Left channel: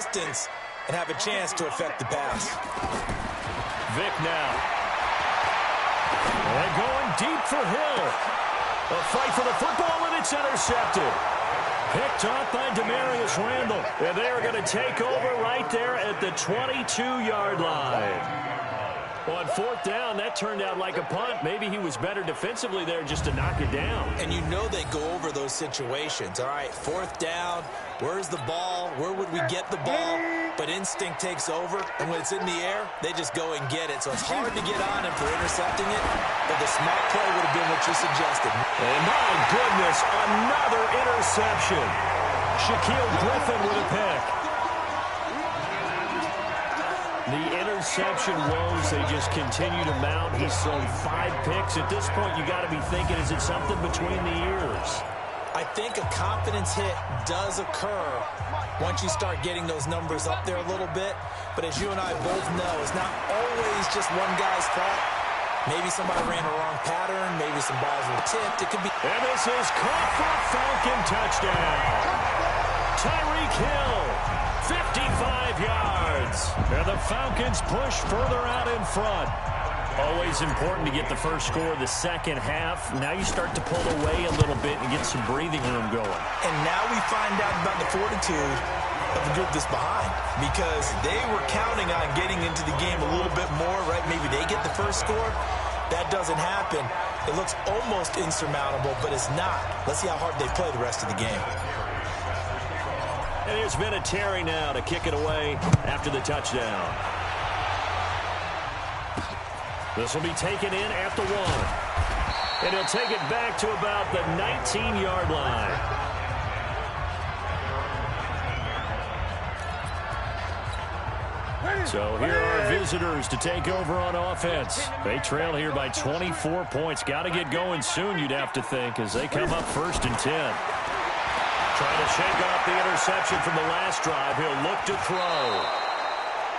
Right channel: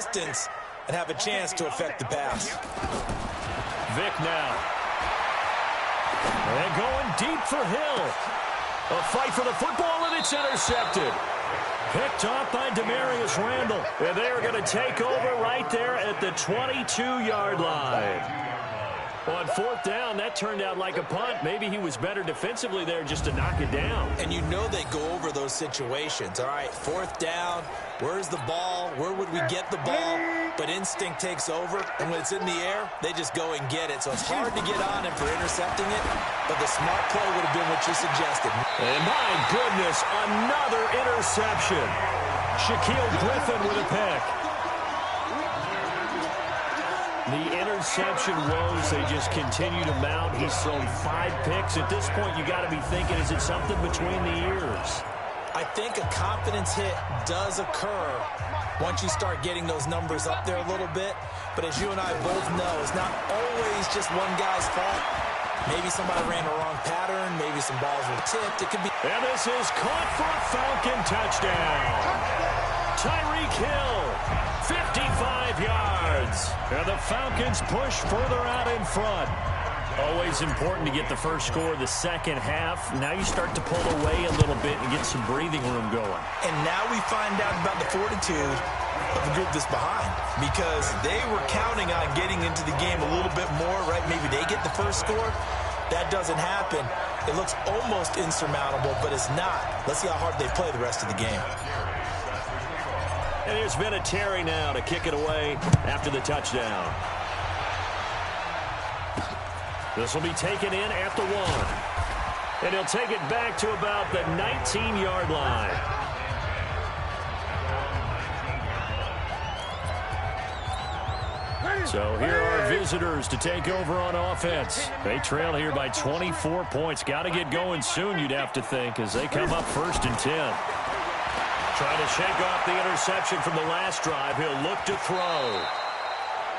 distance and have a chance to affect the pass. Vick now. And going deep for Hill. A fight for the football, and it's intercepted. Picked off by Demarius Randall. And they are going to take over right there at the 22-yard line. On fourth down, that turned out like a punt. Maybe he was better defensively there just to knock it down. And you know they go over those situations. All right, fourth down, where's the ball? Where would we get the ball? But instinct takes over, and when it's in the air, they just go and get it. So it's hard to get on him for intercepting it, but the smart play would have been what you suggested. And my goodness, another interception. Shaquille Griffin with a pick. The interception woes, they just continue to mount. He's thrown 5 picks. At this point, you got to be thinking, is it something between the ears? I think a confidence hit does occur once you start getting those numbers up there a little bit. But as you and I both know, it's not always just one guy's fault. Maybe somebody ran a wrong pattern. Maybe some balls were tipped. It could be. And this is caught for a Falcon touchdown. Tyreek Hill, 55 yards. And the Falcons push further out in front. Always important to get the first score of the second half. Now you start to pull away a little bit and get some breathing room going. And now we find out about the fortitude of the group that's behind, because they were counting on getting into the game a little bit more, right? Maybe they get the first score. That doesn't happen. It looks almost insurmountable, but it's not. Let's see how hard they play the rest of the game. And here's Vinatieri now to kick it away after the touchdown. This will be taken in at the 1. And he'll take it back to about the 19-yard line. So here are visitors to take over on offense. They trail here by 24 points. Got to get going soon, you'd have to think, as they come up 1st and 10. Trying to shake off the interception from the last drive. He'll look to throw.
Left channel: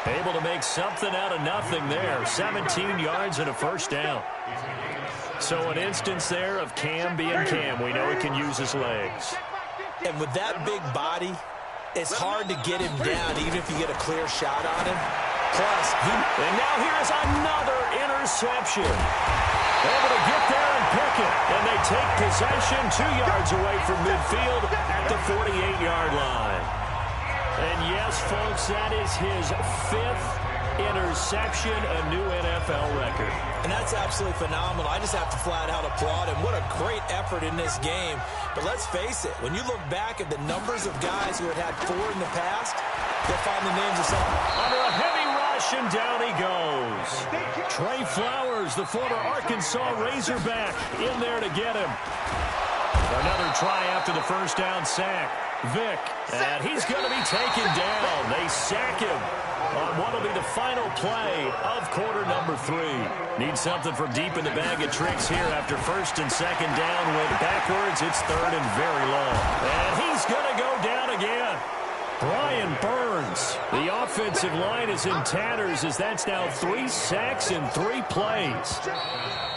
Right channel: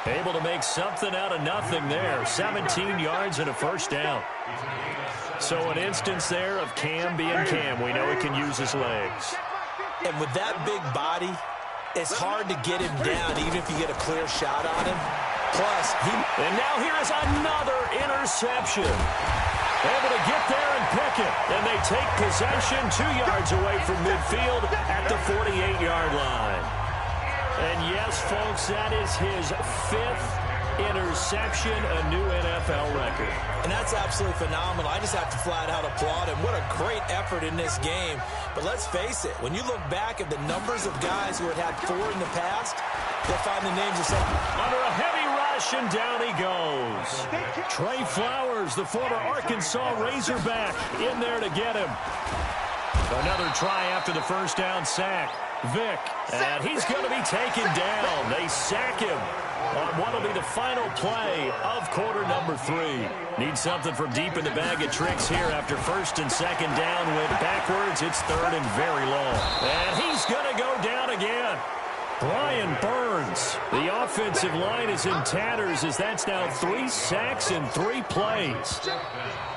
Able to make something out of nothing there. 17 yards and a first down. So an instance there of Cam being Cam. We know he can use his legs. And with that big body, it's hard to get him down, even if you get a clear shot on him. Plus, And now here is another interception. Able to get there and pick it. And they take possession 2 yards away from midfield at the 48-yard line. And yes, folks, that is his 5th interception, a new NFL record. And that's absolutely phenomenal. I just have to flat out applaud him. What a great effort in this game. But let's face it, when you look back at the numbers of guys who had 4 in the past, you'll find the names of some. Under a heavy rush, and down he goes. Trey Flowers, the former Arkansas Razorback, in there to get him. Another try after the first down sack. Vick, and he's going to be taken down. They sack him on what will be the final play of quarter number 3. Need something from deep in the bag of tricks here after 1st and 2nd down. Went backwards. It's 3rd and very long. And he's going to go down again. Brian Burns. The offensive line is in tatters, as that's now 3 sacks in 3 plays.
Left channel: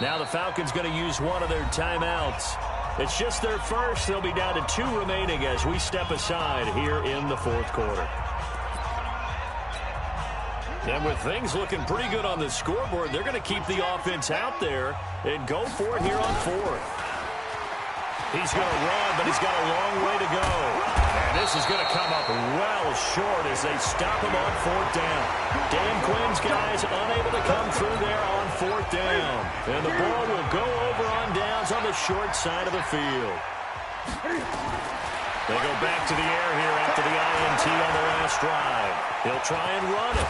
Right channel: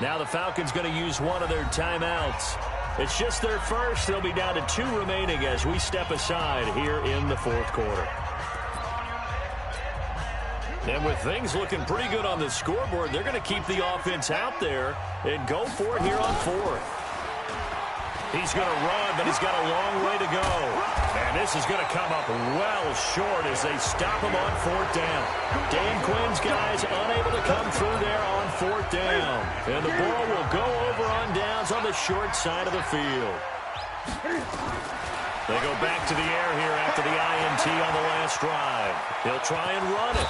Now the Falcons going to use one of their timeouts. It's just their first. They'll be down to 2 remaining as we step aside here in the 4th quarter. And with things looking pretty good on the scoreboard, they're going to keep the offense out there and go for it here on 4th. He's going to run, but he's got a long way to go. And this is going to come up well short as they stop him on 4th down. Dan Quinn's guys unable to come through there on 4th down. And the ball will go over on downs on the short side of the field. They go back to the air here after the INT on the last drive. He'll try and run it.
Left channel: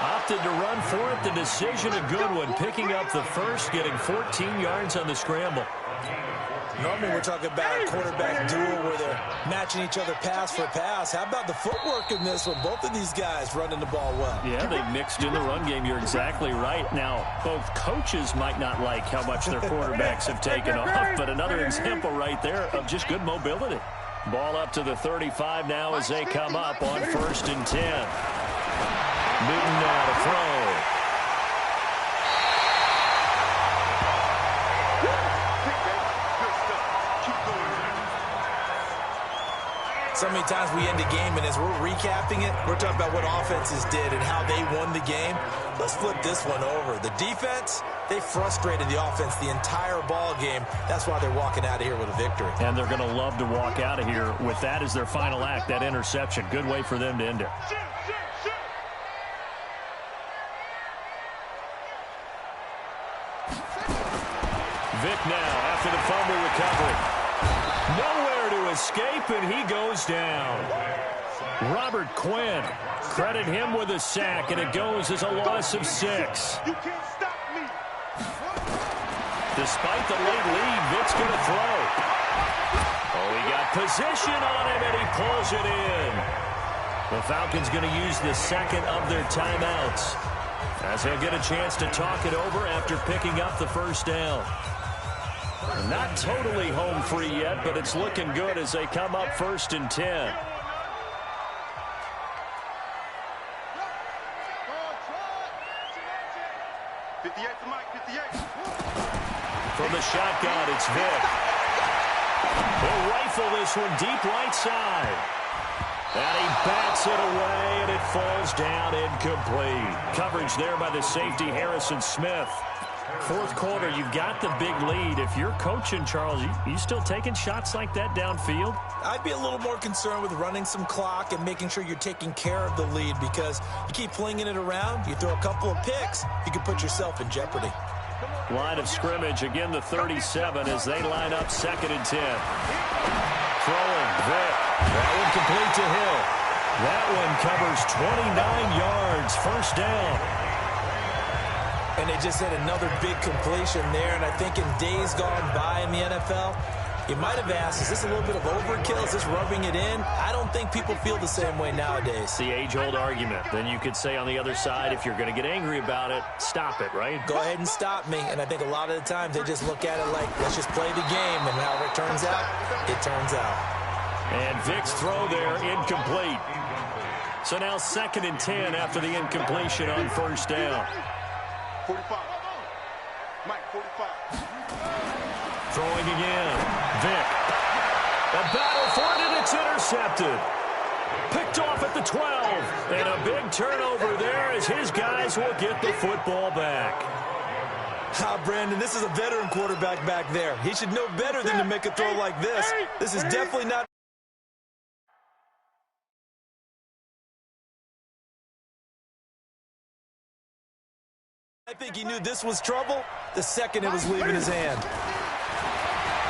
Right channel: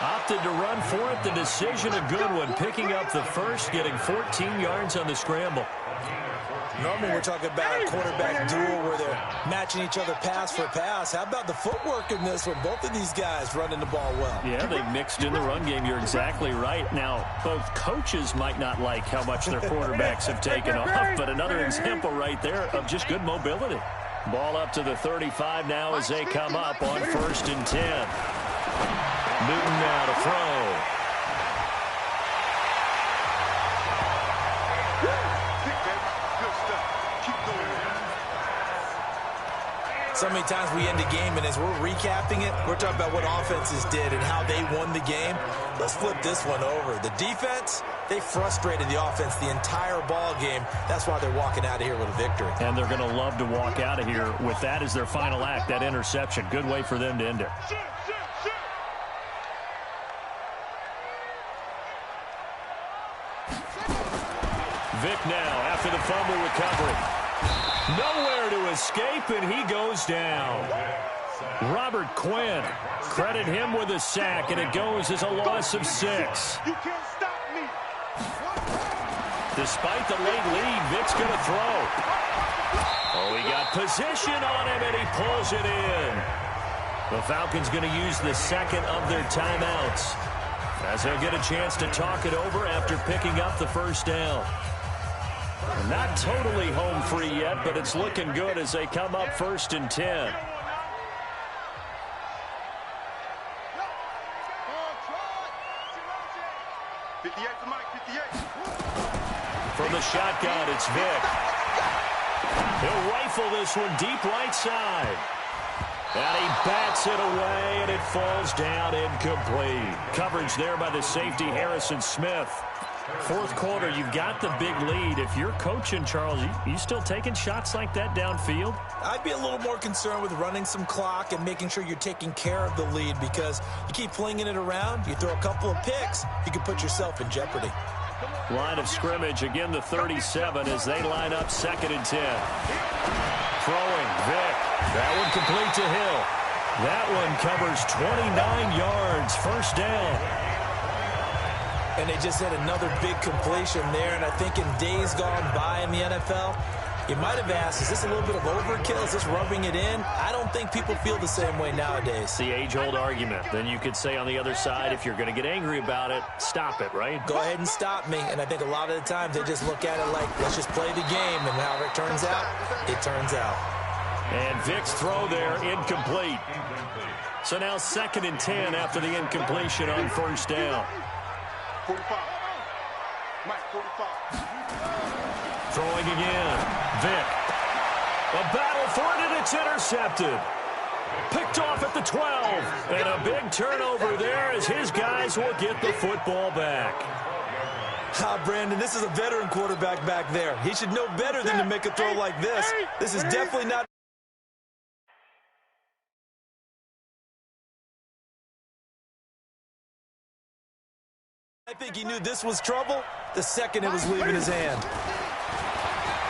Opted to run for it. The decision a good one. Picking up the first, getting 14 yards on the scramble. Normally we're talking about a quarterback duel where they're matching each other pass for pass. How about the footwork in this one? Both of these guys running the ball well. Yeah, they mixed in the run game. You're exactly right. Now, both coaches might not like how much their quarterbacks have taken off, but another example right there of just good mobility. Ball up to the 35 now as they come up on 1st and 10. Newton now to throw. So many times we end a game, and as we're recapping it, we're talking about what offenses did and how they won the game. Let's flip this one over. The defense, they frustrated the offense the entire ball game. That's why they're walking out of here with a victory. And they're going to love to walk out of here with that as their final act, that interception. Good way for them to end it. Vic now after the fumble recovery. Nowhere to escape, and he goes down. Robert Quinn, credit him with a sack, and it goes as a loss of 6. You can't stop me. Despite the late lead, Vic's going to throw. Oh, he got position on him, and he pulls it in. The Falcons going to use the second of their timeouts, as he'll get a chance to talk it over after picking up the first down. Not totally home free yet, but it's looking good as they come up 1st and 10. From the shotgun, it's Vic. He'll rifle this one deep right side. And he bats it away, and it falls down incomplete. Coverage there by the safety, Harrison Smith. Fourth quarter, you've got the big lead. If you're coaching, Charles, you still taking shots like that downfield? I'd be a little more concerned with running some clock and making sure you're taking care of the lead, because you keep flinging it around, you throw a couple of picks, you can put yourself in jeopardy. Line of scrimmage, again the 37 as they line up 2nd and 10. Throwing, Vic. That one complete to Hill. That one covers 29 yards, first down. And they just had another big completion there, and I think in days gone by in the NFL, you might have asked, is this a little bit of overkill? Is this rubbing it in? I don't think people feel the same way nowadays. The age-old argument. Then you could say on the other side, if you're going to get angry about it, stop it, right? Go ahead and stop me. And I think a lot of the times they just look at it like, let's just play the game, and however it turns out, it turns out. And Vic's throw there, incomplete. So now 2nd and 10 after the incompletion on first down. 45. Mike, 45. Throwing again. Vic. A battle for it, and it's intercepted. Picked off at the 12. And a big turnover there as his guys will get the football back. Brandon, this is a veteran quarterback back there. He should know better than to make a throw like this. This is definitely not... I think he knew this was trouble the second it was leaving his hand.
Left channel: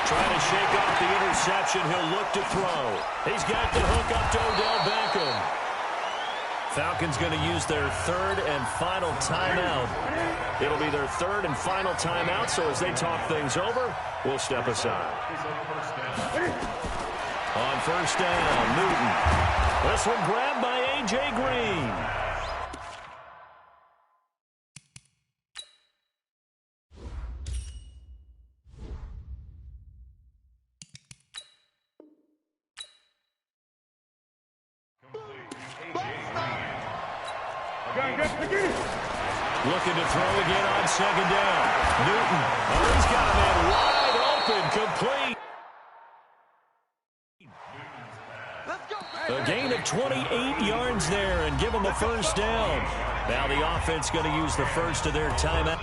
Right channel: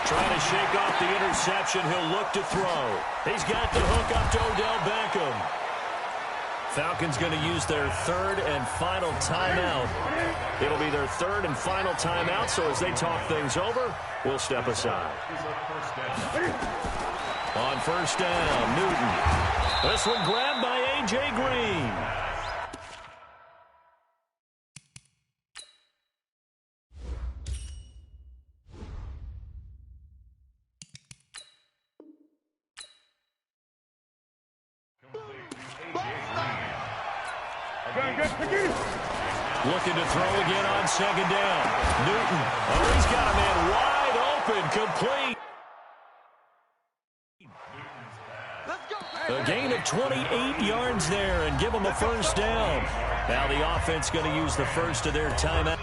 Trying to shake off the interception. He'll look to throw. He's got the hook up to Odell Beckham. Falcons going to use their 3rd and final timeout. It'll be their 3rd and final timeout, so as they talk things over, we'll step aside. On first down, Newton. This one grabbed by A.J. Green. Looking to throw again on 2nd down. Newton. Oh, he's got a man wide open, complete. A gain of 28 yards there and give them a first down. Now the offense going to use the first of their timeout.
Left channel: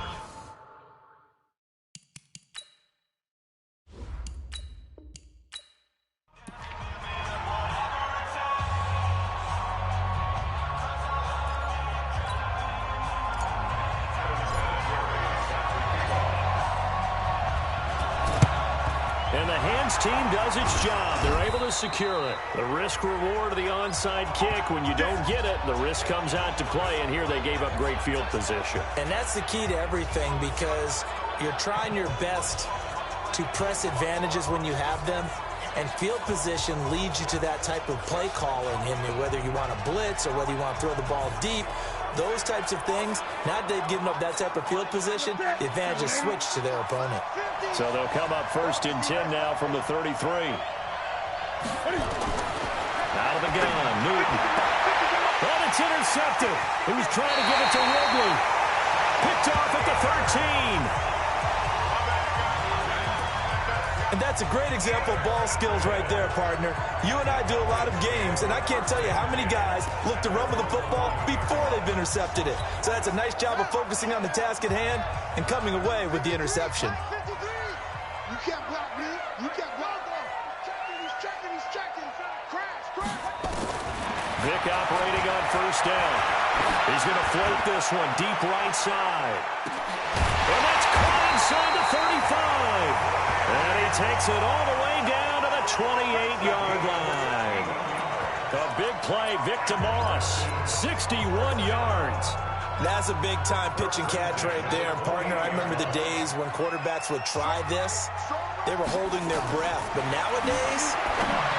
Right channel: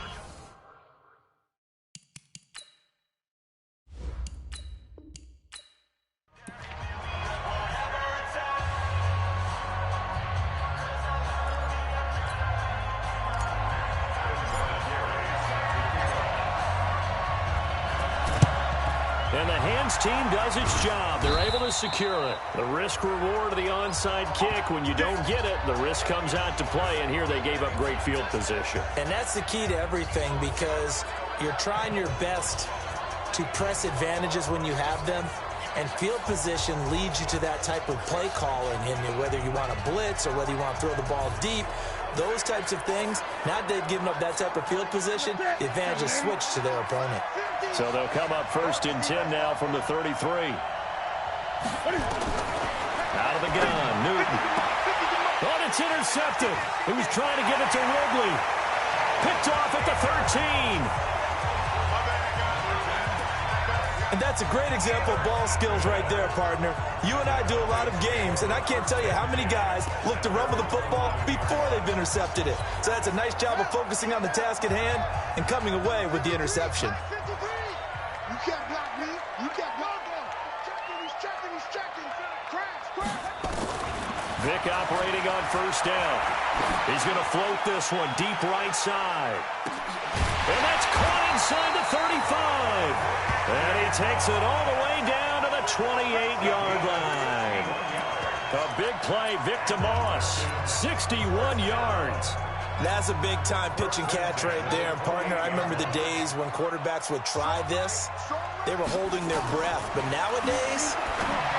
And the hands team does its job. They're able to secure it. The risk reward of the onside kick. When you don't get it, the risk comes out to play, and here they gave up great field position. And that's the key to everything, because you're trying your best to press advantages when you have them, and field position leads you to that type of play calling. And whether you want to blitz or whether you want to throw the ball deep, those types of things, now that they've given up that type of field position, the advantage is switched to their opponent. So they'll come up 1st and 10 now from the 33. Out of the gun, Newton. Oh, it's intercepted. He was trying to give it to Ridley. Picked off at the 13. And that's a great example of ball skills right there, partner. You and I do a lot of games, and I can't tell you how many guys look to run with the football before they've intercepted it. So that's a nice job of focusing on the task at hand and coming away with the interception. You can't block me. You can't block him. He's checking. Crash. Vick operating on first down. He's going to float this one deep right side. And that's caught inside the 35. And he takes it all the way down to the 28-yard line. A big play, Vick to Moss, 61 yards. That's a big-time pitch and catch right there. And, partner, I remember the days when quarterbacks would try this. They were holding their breath. But nowadays,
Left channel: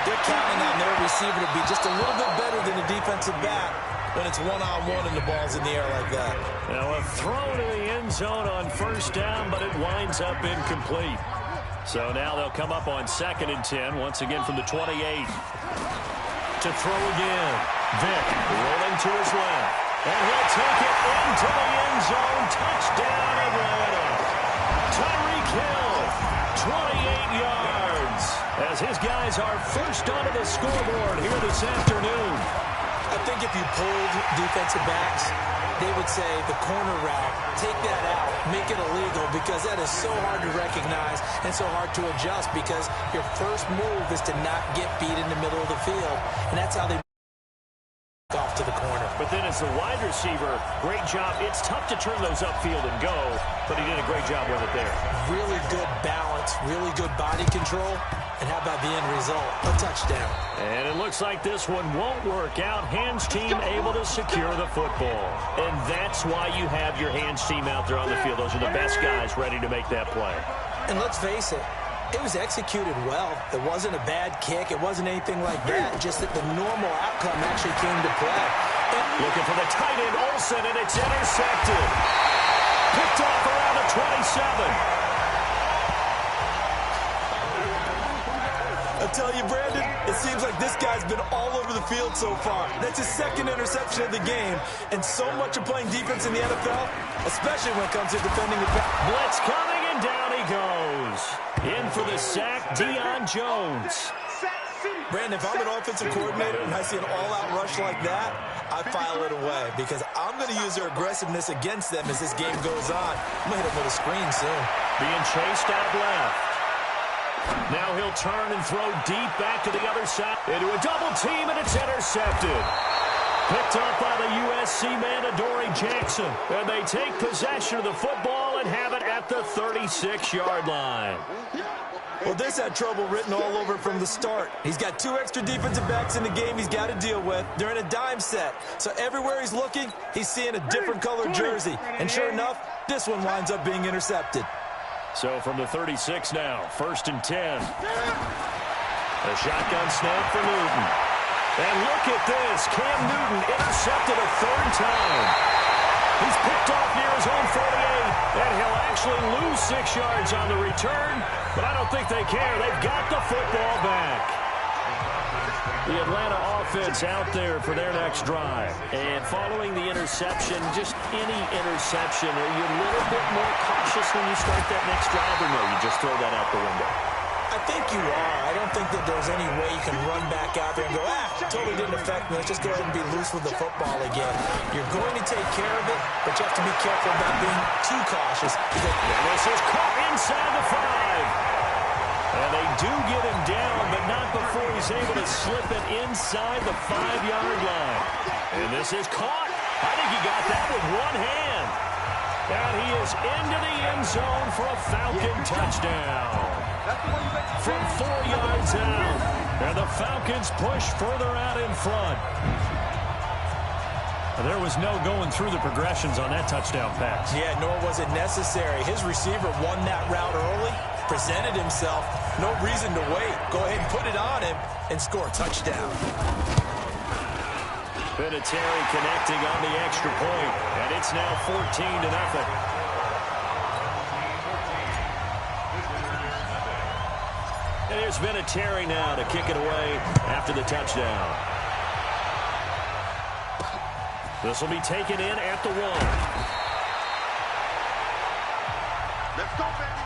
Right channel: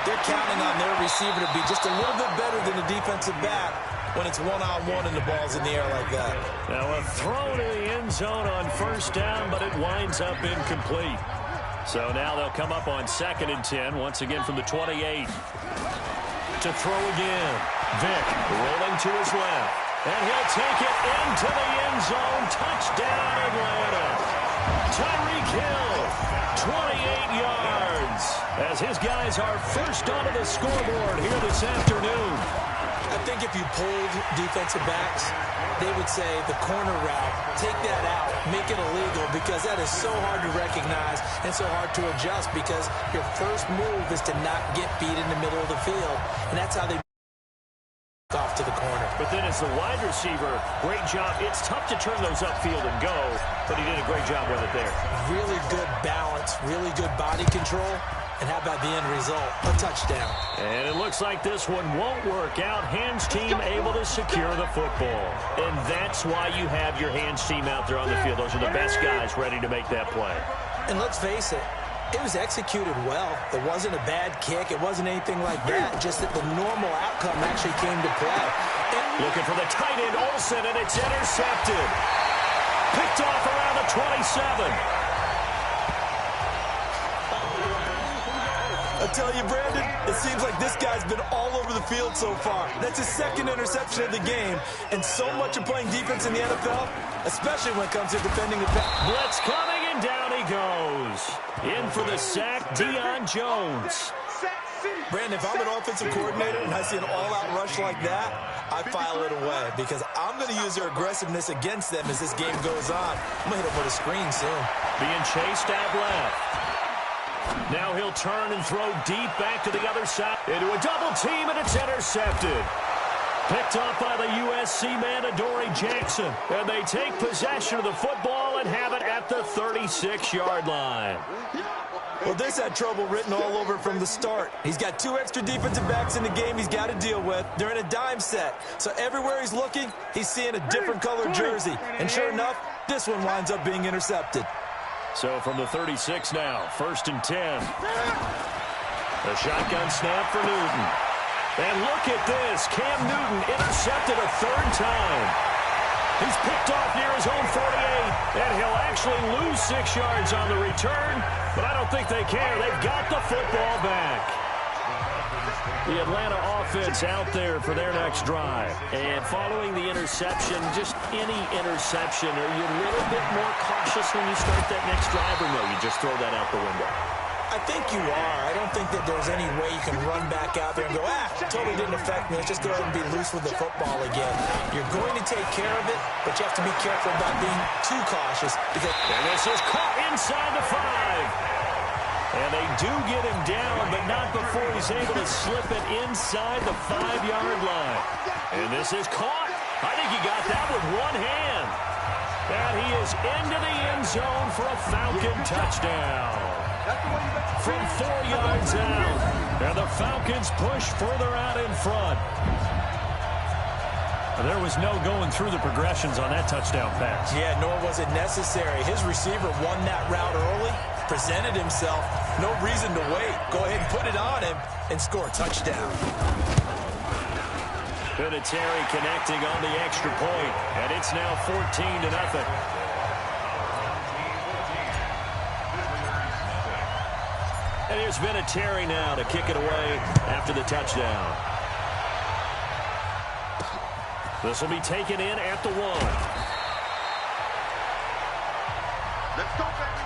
they're counting on their receiver to be just a little bit better than the defensive back when it's one-on-one and the ball's in the air like that. Now a throw to the end zone on first down, but it winds up incomplete. So now they'll come up on 2nd and 10, once again from the 28. To throw again. Vick rolling to his left. And he'll take it into the end zone. Touchdown, Atlanta. Tyreek Hill, 28 yards. As his guys are first onto the scoreboard here this afternoon. I think if you pulled defensive backs, they would say the corner route, take that out, make it illegal, because that is so hard to recognize and so hard to adjust, because your first move is to not get beat in the middle of the field, and that's how they off to the corner. But then as the wide receiver, great job. It's tough to turn those upfield and go, but he did a great job with it there. Really good balance, really good body control. And how about the end result? A touchdown. And it looks like this one won't work out. Hands team able to secure the football. And that's why you have your hands team out there on the field. Those are the best guys ready to make that play. And let's face it, it was executed well. It wasn't a bad kick. It wasn't anything like that. Just that the normal outcome actually came to play. Looking for the tight end, Olsen, and it's intercepted. Picked off around the 27. I tell you, Brandon, it seems like this guy's been all over the field so far. That's his 2nd interception of the game. And so much of playing defense in the NFL, especially when it comes to defending the pass. Blitz coming, and down he goes. In for the sack, Deion Jones. Brandon, if I'm an offensive coordinator and I see an all-out rush like that, I file it away, because I'm going to use their aggressiveness against them as this game goes on. I'm going to hit them with a screen soon. Being chased out left. Now he'll turn and throw deep back to the other side. Into a double team, and it's intercepted. Picked up by the USC man, Adoree Jackson. And they take possession of the football and have it at the 36-yard line. Well, this had trouble written all over from the start. He's got 2 extra defensive backs in the game he's got to deal with. They're in a dime set. So everywhere he's looking, he's seeing a different colored jersey. And sure enough, this one winds up being intercepted. So from the 36 now, 1st and 10. A shotgun snap for Newton. And look at this. Cam Newton intercepted a 3rd time. He's picked off near his own 48. And he'll actually lose 6 yards on the return. But I don't think they care. They've got the football back. The Atlanta offense out there for their next drive. And following the interception, just any interception, are you a little bit more cautious when you start that next drive, or no, you just throw that out the window? I think you are. I don't think that there's any way you can run back out there and go, totally didn't affect me. Let's just go ahead and be loose with the football again. You're going to take care of it, but you have to be careful about being too cautious. And this is caught inside the 5. And they do get him down, but not before he's able to slip it inside the 5-yard line. And this is caught. I think he got that with one hand. And he is into the end zone for a Falcon touchdown. From 4 yards out. And the Falcons push further out in front. There was no going through the progressions on that touchdown pass. Yeah, nor was it necessary. His receiver won that route early, presented himself. No reason to wait. Go ahead and put it on him and score a touchdown. Vinatieri connecting on the extra point, and it's now 14-0. And here's Vinatieri now to kick it away after the touchdown. This will be taken in at the 1. Let's go, baby.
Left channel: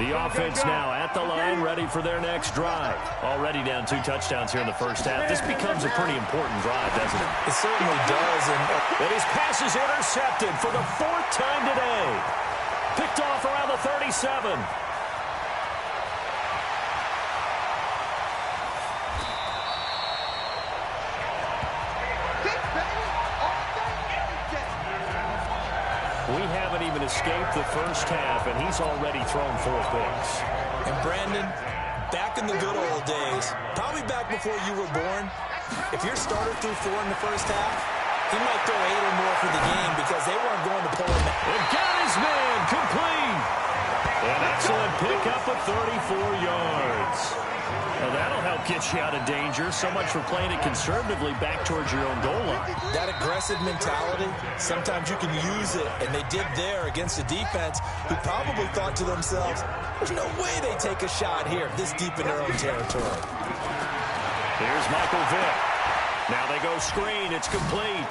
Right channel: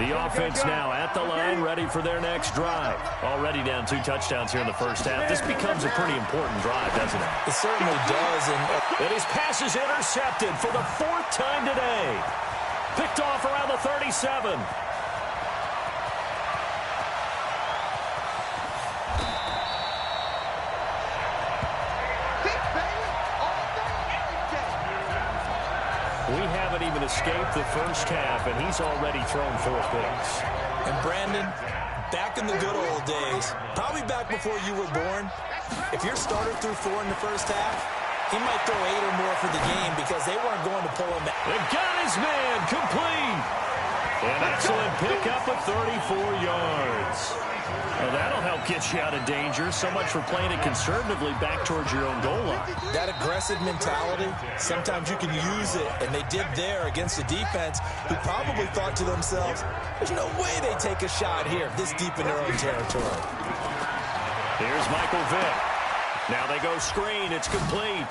The offense now at the line, ready for their next drive. Already down 2 touchdowns here in the first half. This becomes a pretty important drive, doesn't it? It certainly does. And his pass is intercepted for the 4th time today. Picked off around the 37. We haven't even escaped the first half, and he's already thrown 4 picks. And Brandon, back in the good old days, probably back before you were born, if your starter threw 4 in the first half, he might throw 8 or more for the game because they weren't going to pull him out. They got his man complete. An excellent pickup of 34 yards. Well, that'll help get you out of danger. So much for playing it conservatively back towards your own goal line. That aggressive mentality, sometimes you can use it, and they did there against a defense who probably thought to themselves, there's no way they take a shot here this deep in their own territory. Here's Michael Vick. Now they go screen. It's complete.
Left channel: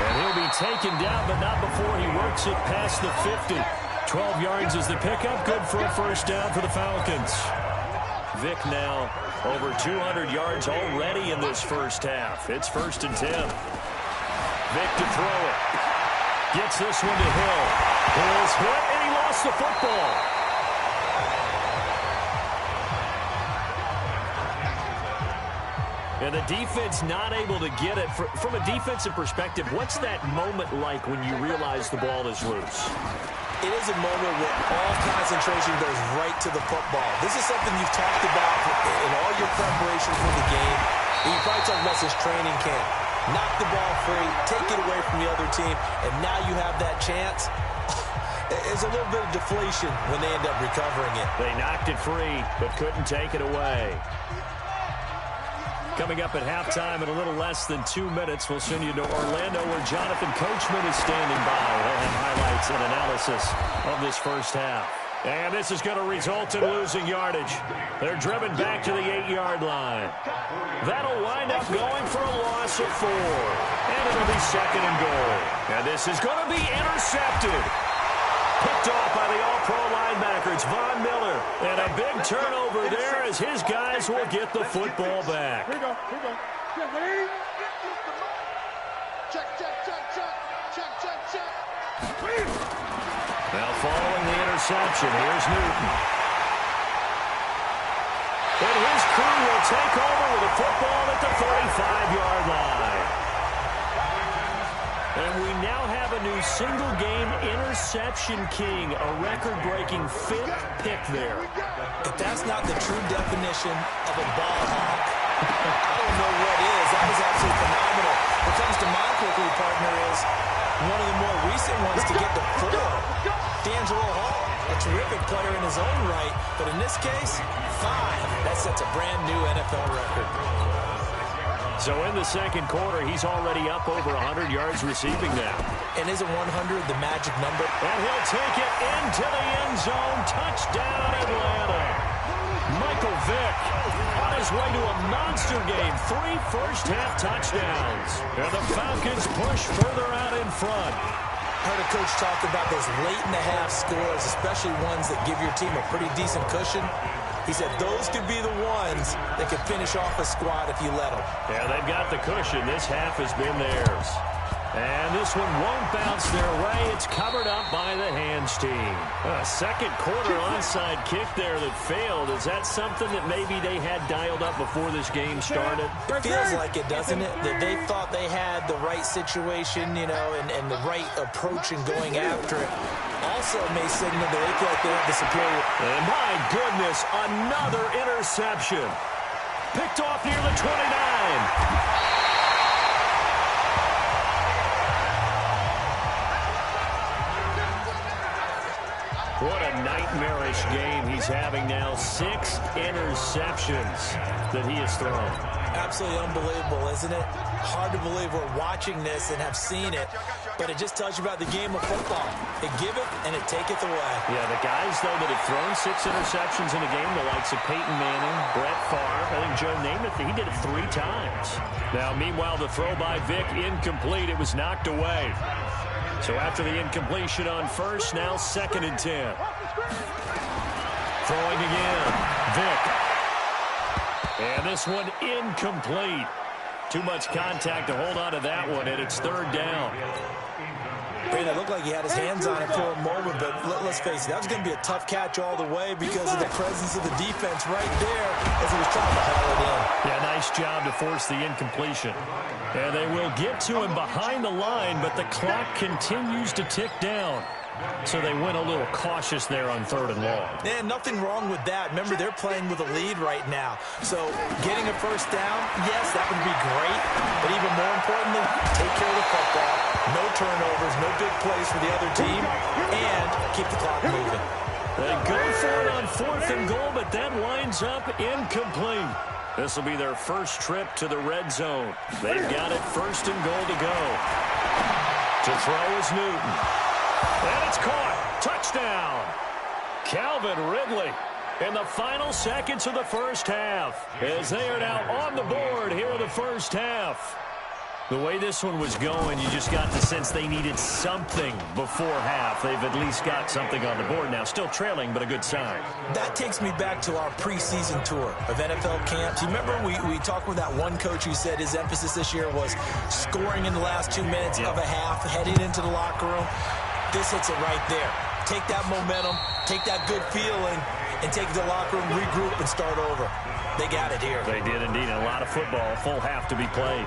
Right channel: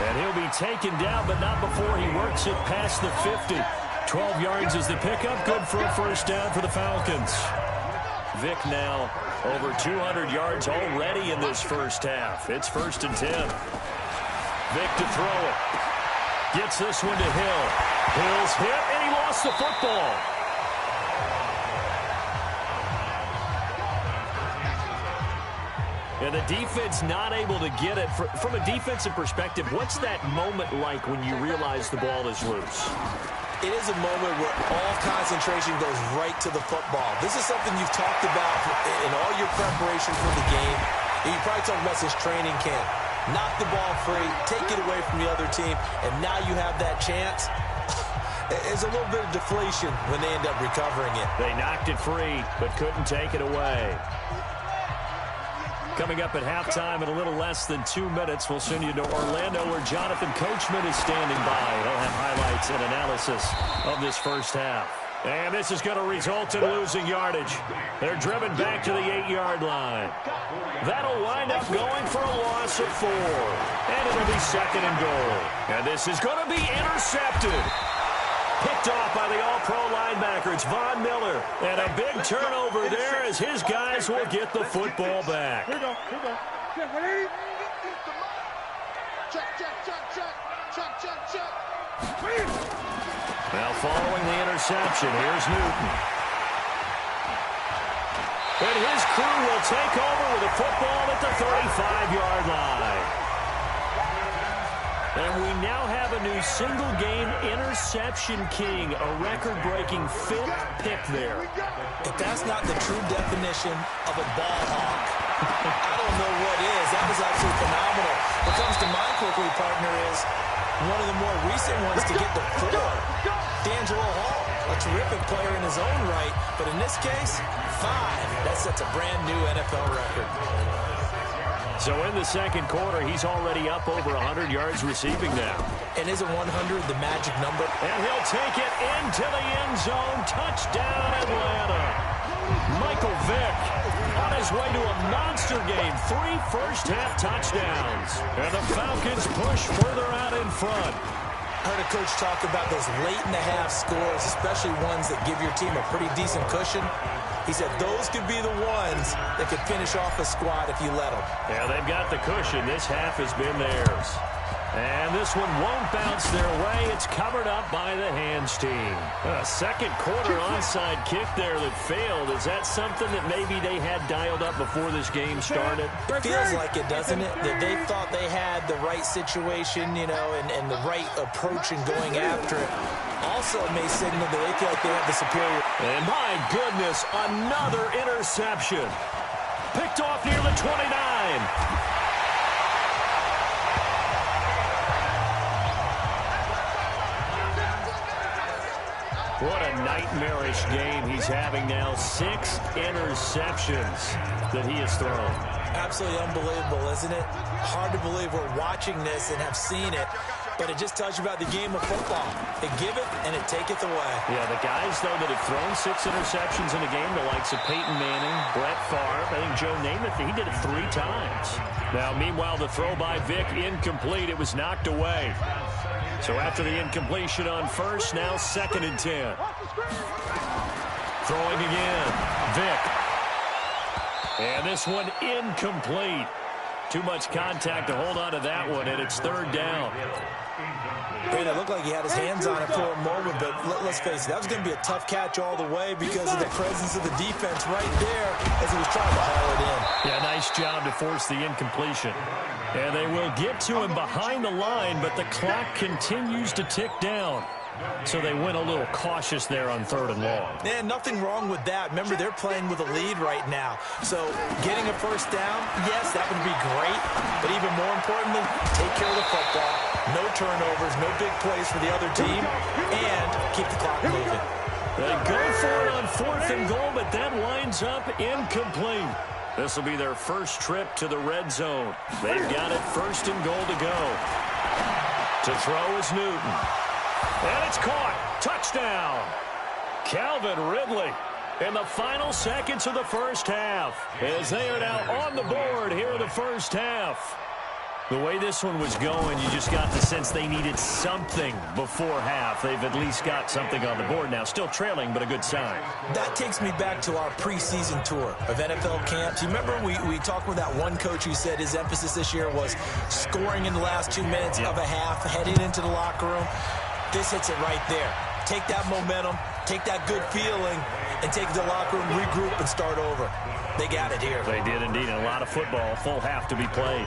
And he'll be taken down, but not before he works it past the 50. 12 yards is the pickup. Good for a first down for the Falcons. Vick now over 200 yards already in this first half. It's 1st and 10. Vick to throw it. Gets this one to Hill. Hill's hit, and he lost the football. And the defense not able to get it. From a defensive perspective, what's that moment like when you realize the ball is loose? It is a moment where all concentration goes right to the football. This is something you've talked about in all your preparation for the game. And you probably talked about this training camp. Knock the ball free, take it away from the other team, and now you have that chance. There's a little bit of deflation when they end up recovering it. They knocked it free, but couldn't take it away. Coming up at halftime in a little less than 2 minutes, we'll send you to Orlando where Jonathan Coachman is standing by. He'll have highlights and analysis of this first half. And this is going to result in losing yardage. They're driven back to the 8-yard line. That'll wind up going for a loss of 4. And it'll be 2nd and goal. And this is going to be intercepted. Picked off by the all-pro linebacker. It's Von Miller. And a big turnover there as his guys will get the football back. Here we go. Here we go. Check, ready? Check, check, check, check. Check, check, check. Now following the interception, here's Newton. And his crew will take over with a football at the 35-yard line. And we now have a new single-game interception king, a record-breaking 5th pick there. If that's not the true definition of a ball hawk, I don't know what is. That was absolutely phenomenal. What comes to mind quickly, partner, is one of the more recent ones to get to 4. D'Angelo Hall, a terrific player in his own right, but in this case, 5. That sets a brand-new NFL record. So in the second quarter, he's already up over 100 yards receiving now. And isn't 100 the magic number? And he'll take it into the end zone. Touchdown, Atlanta. Michael Vick on his way to a monster game. 3 first-half touchdowns. And the Falcons push further out in front. Heard a coach talk about those late-in-the-half scores, especially ones that give your team a pretty decent cushion. He said those could be the ones that could finish off a squad if you let them. Yeah, they've got the cushion. This half has been theirs. And this one won't bounce their way. It's covered up by the hands team. A second quarter onside kick there that failed. Is that something that maybe they had dialed up before this game started? It feels like it, doesn't it? That they thought they had the right situation, you know, and the right approach in going after it. Also may signal that they feel like they have the superior. And my goodness, another interception. Picked off near the 29. What a nightmarish game he's having now. 6 interceptions that he has thrown. Absolutely unbelievable, isn't it? Hard to believe we're watching this and have seen it, but it just tells you about the game of football. It giveth and it taketh away. Yeah, the guys, though, that have thrown 6 interceptions in a game, the likes of Peyton Manning, Brett Favre, I think Joe Namath, he did it 3 times. Now, meanwhile, the throw by Vick incomplete. It was knocked away. So after the incompletion on first, now 2nd and 10. Throwing again. Vick. And this one incomplete. Too much contact to hold on to that one, and it's third down. It looked like he had his hands on it for a moment, but let's face it, that was going to be a tough catch all the way because of the presence of the defense right there as he was trying to haul it in. Yeah, nice job to force the incompletion. And they will get to him behind the line, but the clock continues to tick down. So they went a little cautious there on third and long. Yeah, nothing wrong with that. Remember, they're playing with a lead right now. So getting a first down, yes, that would be great. But even more importantly, take care of the football. No turnovers, no big plays for the other team, and keep the clock moving. They go for it on fourth and goal, but that winds up incomplete. This will be their first trip to the red zone. They've got it first and goal to go. To throw is Newton. And it's caught. Touchdown. Calvin Ridley in the final seconds of the first half as they are now on the board here in the first half. The way this one was going, you just got the sense they needed something before half. They've at least got something on the board now. Still trailing, but a good sign. That takes me back to our preseason tour of NFL camps. You remember we talked with that one coach who said his emphasis this year was scoring in the last 2 minutes of a half, heading into the locker room. This hits it right there. Take that momentum, take that good feeling, and take it to the locker room, regroup, and start over. They got it here. They did indeed. And a lot of football, full half to be played.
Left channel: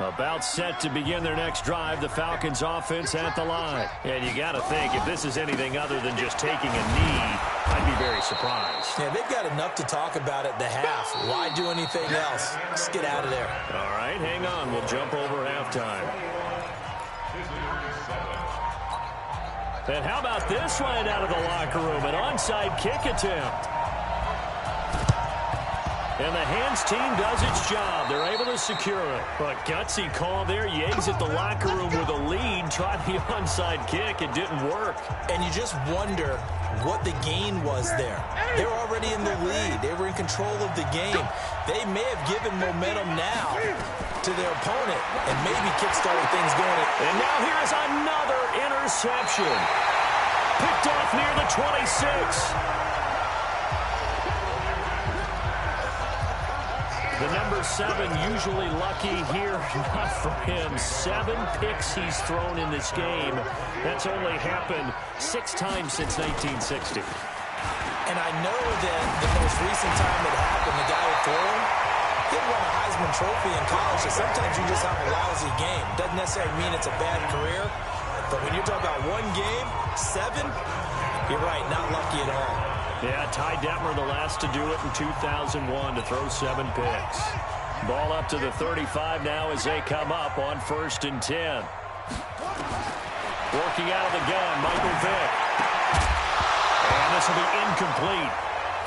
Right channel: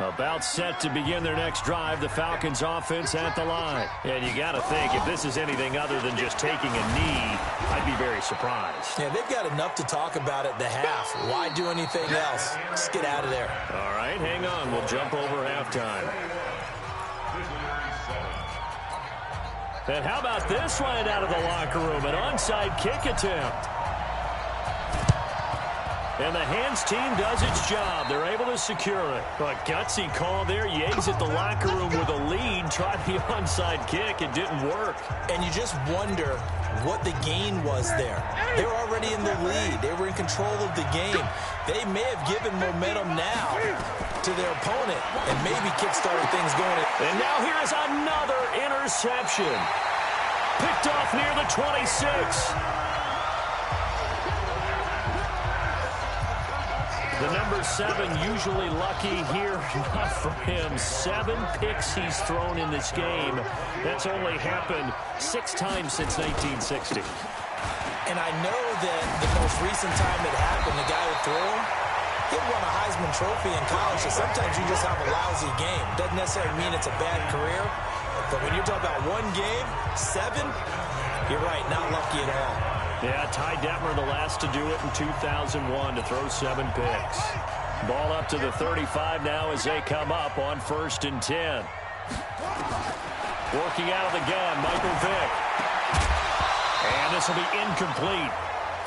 About set to begin their next drive, the Falcons offense at the line. And you got to think, if this is anything other than just taking a knee, I'd be very surprised. Yeah, they've got enough to talk about at the half. Why do anything else? Just get out of there. All right, hang on. We'll jump over halftime. And how about this right out of the locker room? An onside kick attempt. And the hands team does its job. They're able to secure it. But gutsy call there. You exit the locker room with a lead. Try the onside kick. It didn't work. And you just wonder what the gain was there. They were already in the lead. They were in control of the game. They may have given momentum now to their opponent and maybe kickstarted things going. And now here is another interception. Picked off near the 26. The number 7 usually lucky here, not for him. 7 picks he's thrown in this game. That's only happened 6 times since 1960. And I know that the most recent time it happened, the guy who threw him, he won a Heisman Trophy in college, so sometimes you just have a lousy game. Doesn't necessarily mean it's a bad career, but when you're talking about one game, 7, you're right, not lucky at all. Yeah, Ty Detmer the last to do it in 2001 to throw 7 picks. Ball up to the 35 now as they come up on 1st and 10. Working out of the gun, Michael Vick. And this will be incomplete.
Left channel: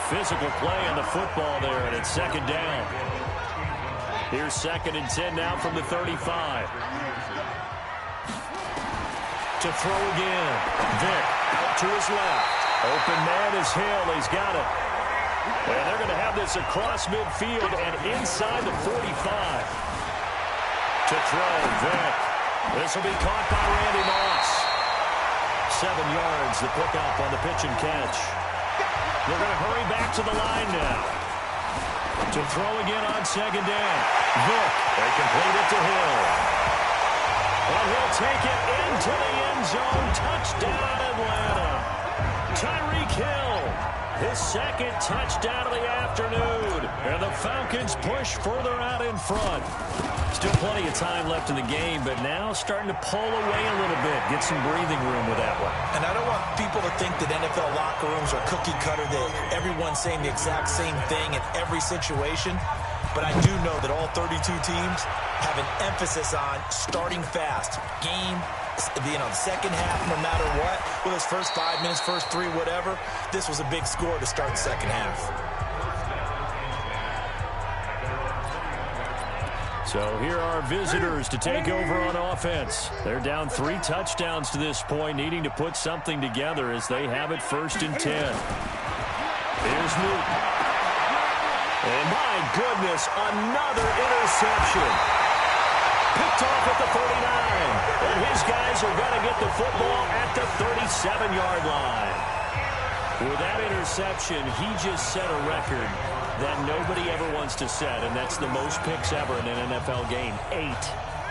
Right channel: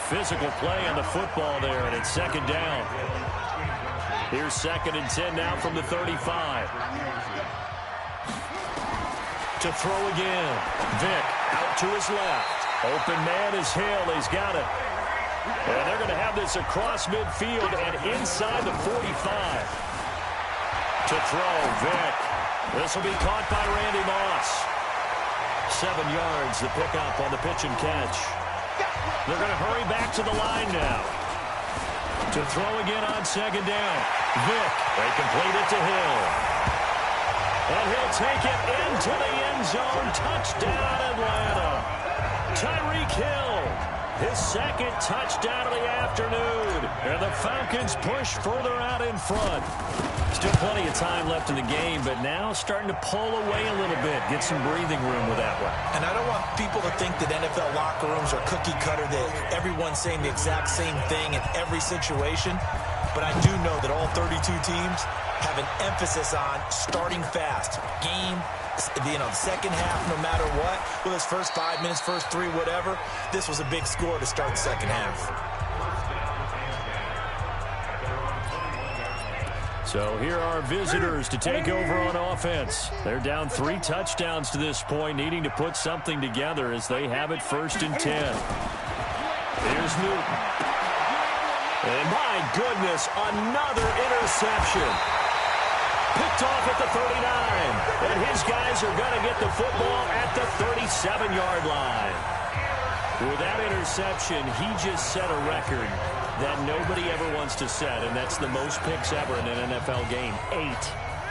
Physical play on the football there, and it's 2nd down. Here's 2nd and 10 now from the 35. To throw again. Vick out to his left. Open man is Hill. He's got it. And they're going to have this across midfield and inside the 45. To throw, Vick. This will be caught by Randy Moss. 7 yards, the pickup on the pitch and catch. They're going to hurry back to the line now. To throw again on 2nd down. Vick. They complete it to Hill. And he'll take it into the end zone. Touchdown, Atlanta. Tyreek Hill, his 2nd touchdown of the afternoon. And the Falcons push further out in front. Still plenty of time left in the game, but now starting to pull away a little bit. Get some breathing room with that one. And I don't want people to think that NFL locker rooms are cookie cutter, that everyone's saying the exact same thing in every situation. But I do know that all 32 teams have an emphasis on starting fast. Game, the second half, no matter what, whether it's first 5 minutes, first 3, whatever, this was a big score to start the second half. So here are visitors to take over on offense. They're down 3 touchdowns to this point, needing to put something together as they have it 1st and 10. Here's Newton. And my goodness, another interception. Picked off at the 39. And his guys are going to get the football at the 37-yard line. With that interception, he just set a record that nobody ever wants to set, and that's the most picks ever in an NFL game. 8.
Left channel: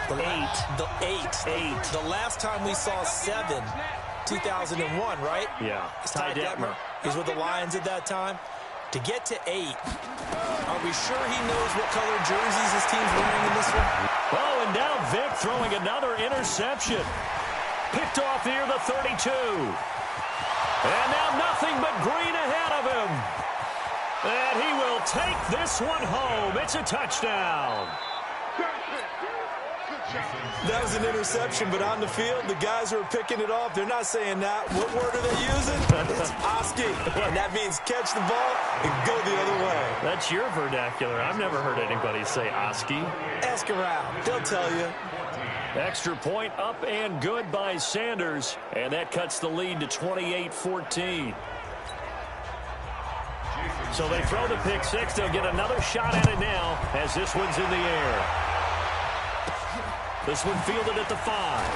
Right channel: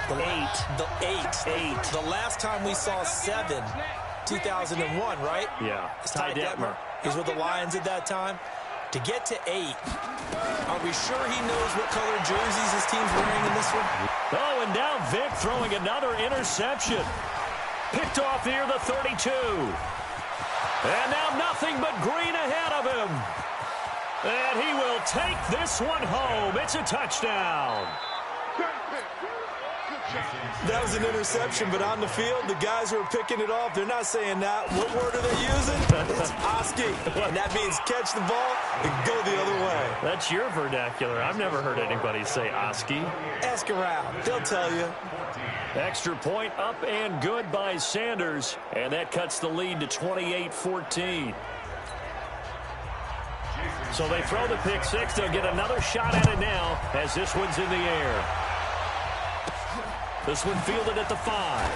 The last time we saw 7, 2001, right? Yeah. It's Ty Detmer. He was with the Lions at that time. To get to 8, are we sure he knows what color jerseys his team's wearing in this one? Oh, and now Vic throwing another interception. Picked off near the 32. And now nothing but green ahead of him. And he will take this one home. It's a touchdown. That was an interception, but on the field, the guys who are picking it off, they're not saying that. What word are they using? It's Oski. And that means catch the ball and go the other way. That's your vernacular. I've never heard anybody say Oski. Ask around. They'll tell you. Extra point up and good by Sanders. And that cuts the lead to 28-14. So they throw the pick six. They'll get another shot at it now as this one's in the air. This one fielded at the 5.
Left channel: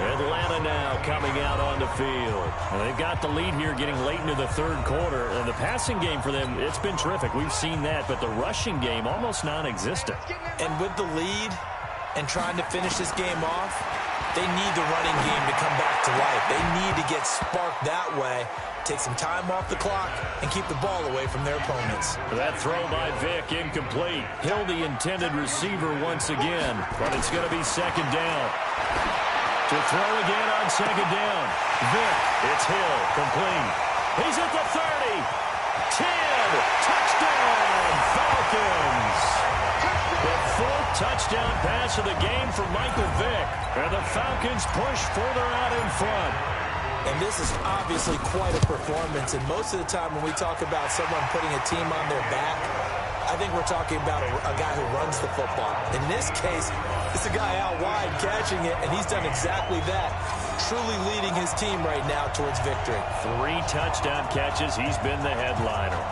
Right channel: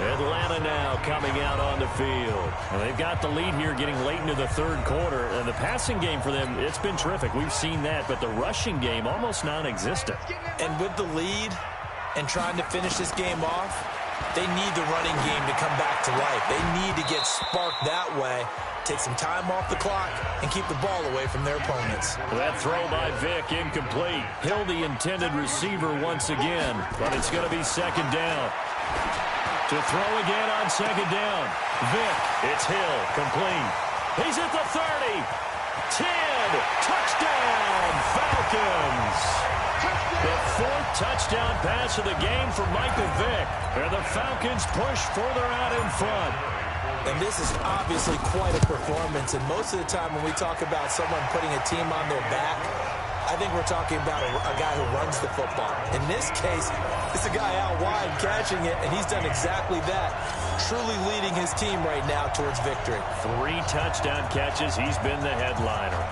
Atlanta now coming out on the field. And they've got the lead here getting late into the third quarter. And the passing game for them, it's been terrific. We've seen that. But the rushing game, almost non-existent. And with the lead and trying to finish this game off, they need the running game to come back to life. They need to get sparked that way. Take some time off the clock and keep the ball away from their opponents. That throw by Vic incomplete. Hill the intended receiver once again, but it's going to be second down. To throw again on second down. Vic, it's Hill, complete. He's at the 30. 10. Touchdown, Falcons. The 4th touchdown pass of the game for Michael Vick. And the Falcons push further out in front. And this is obviously quite a performance. And most of the time when we talk about someone putting a team on their back, I think we're talking about a guy who runs the football. In this case, it's a guy out wide catching it, and he's done exactly that, truly leading his team right now towards victory. 3 touchdown catches. He's been the headliner.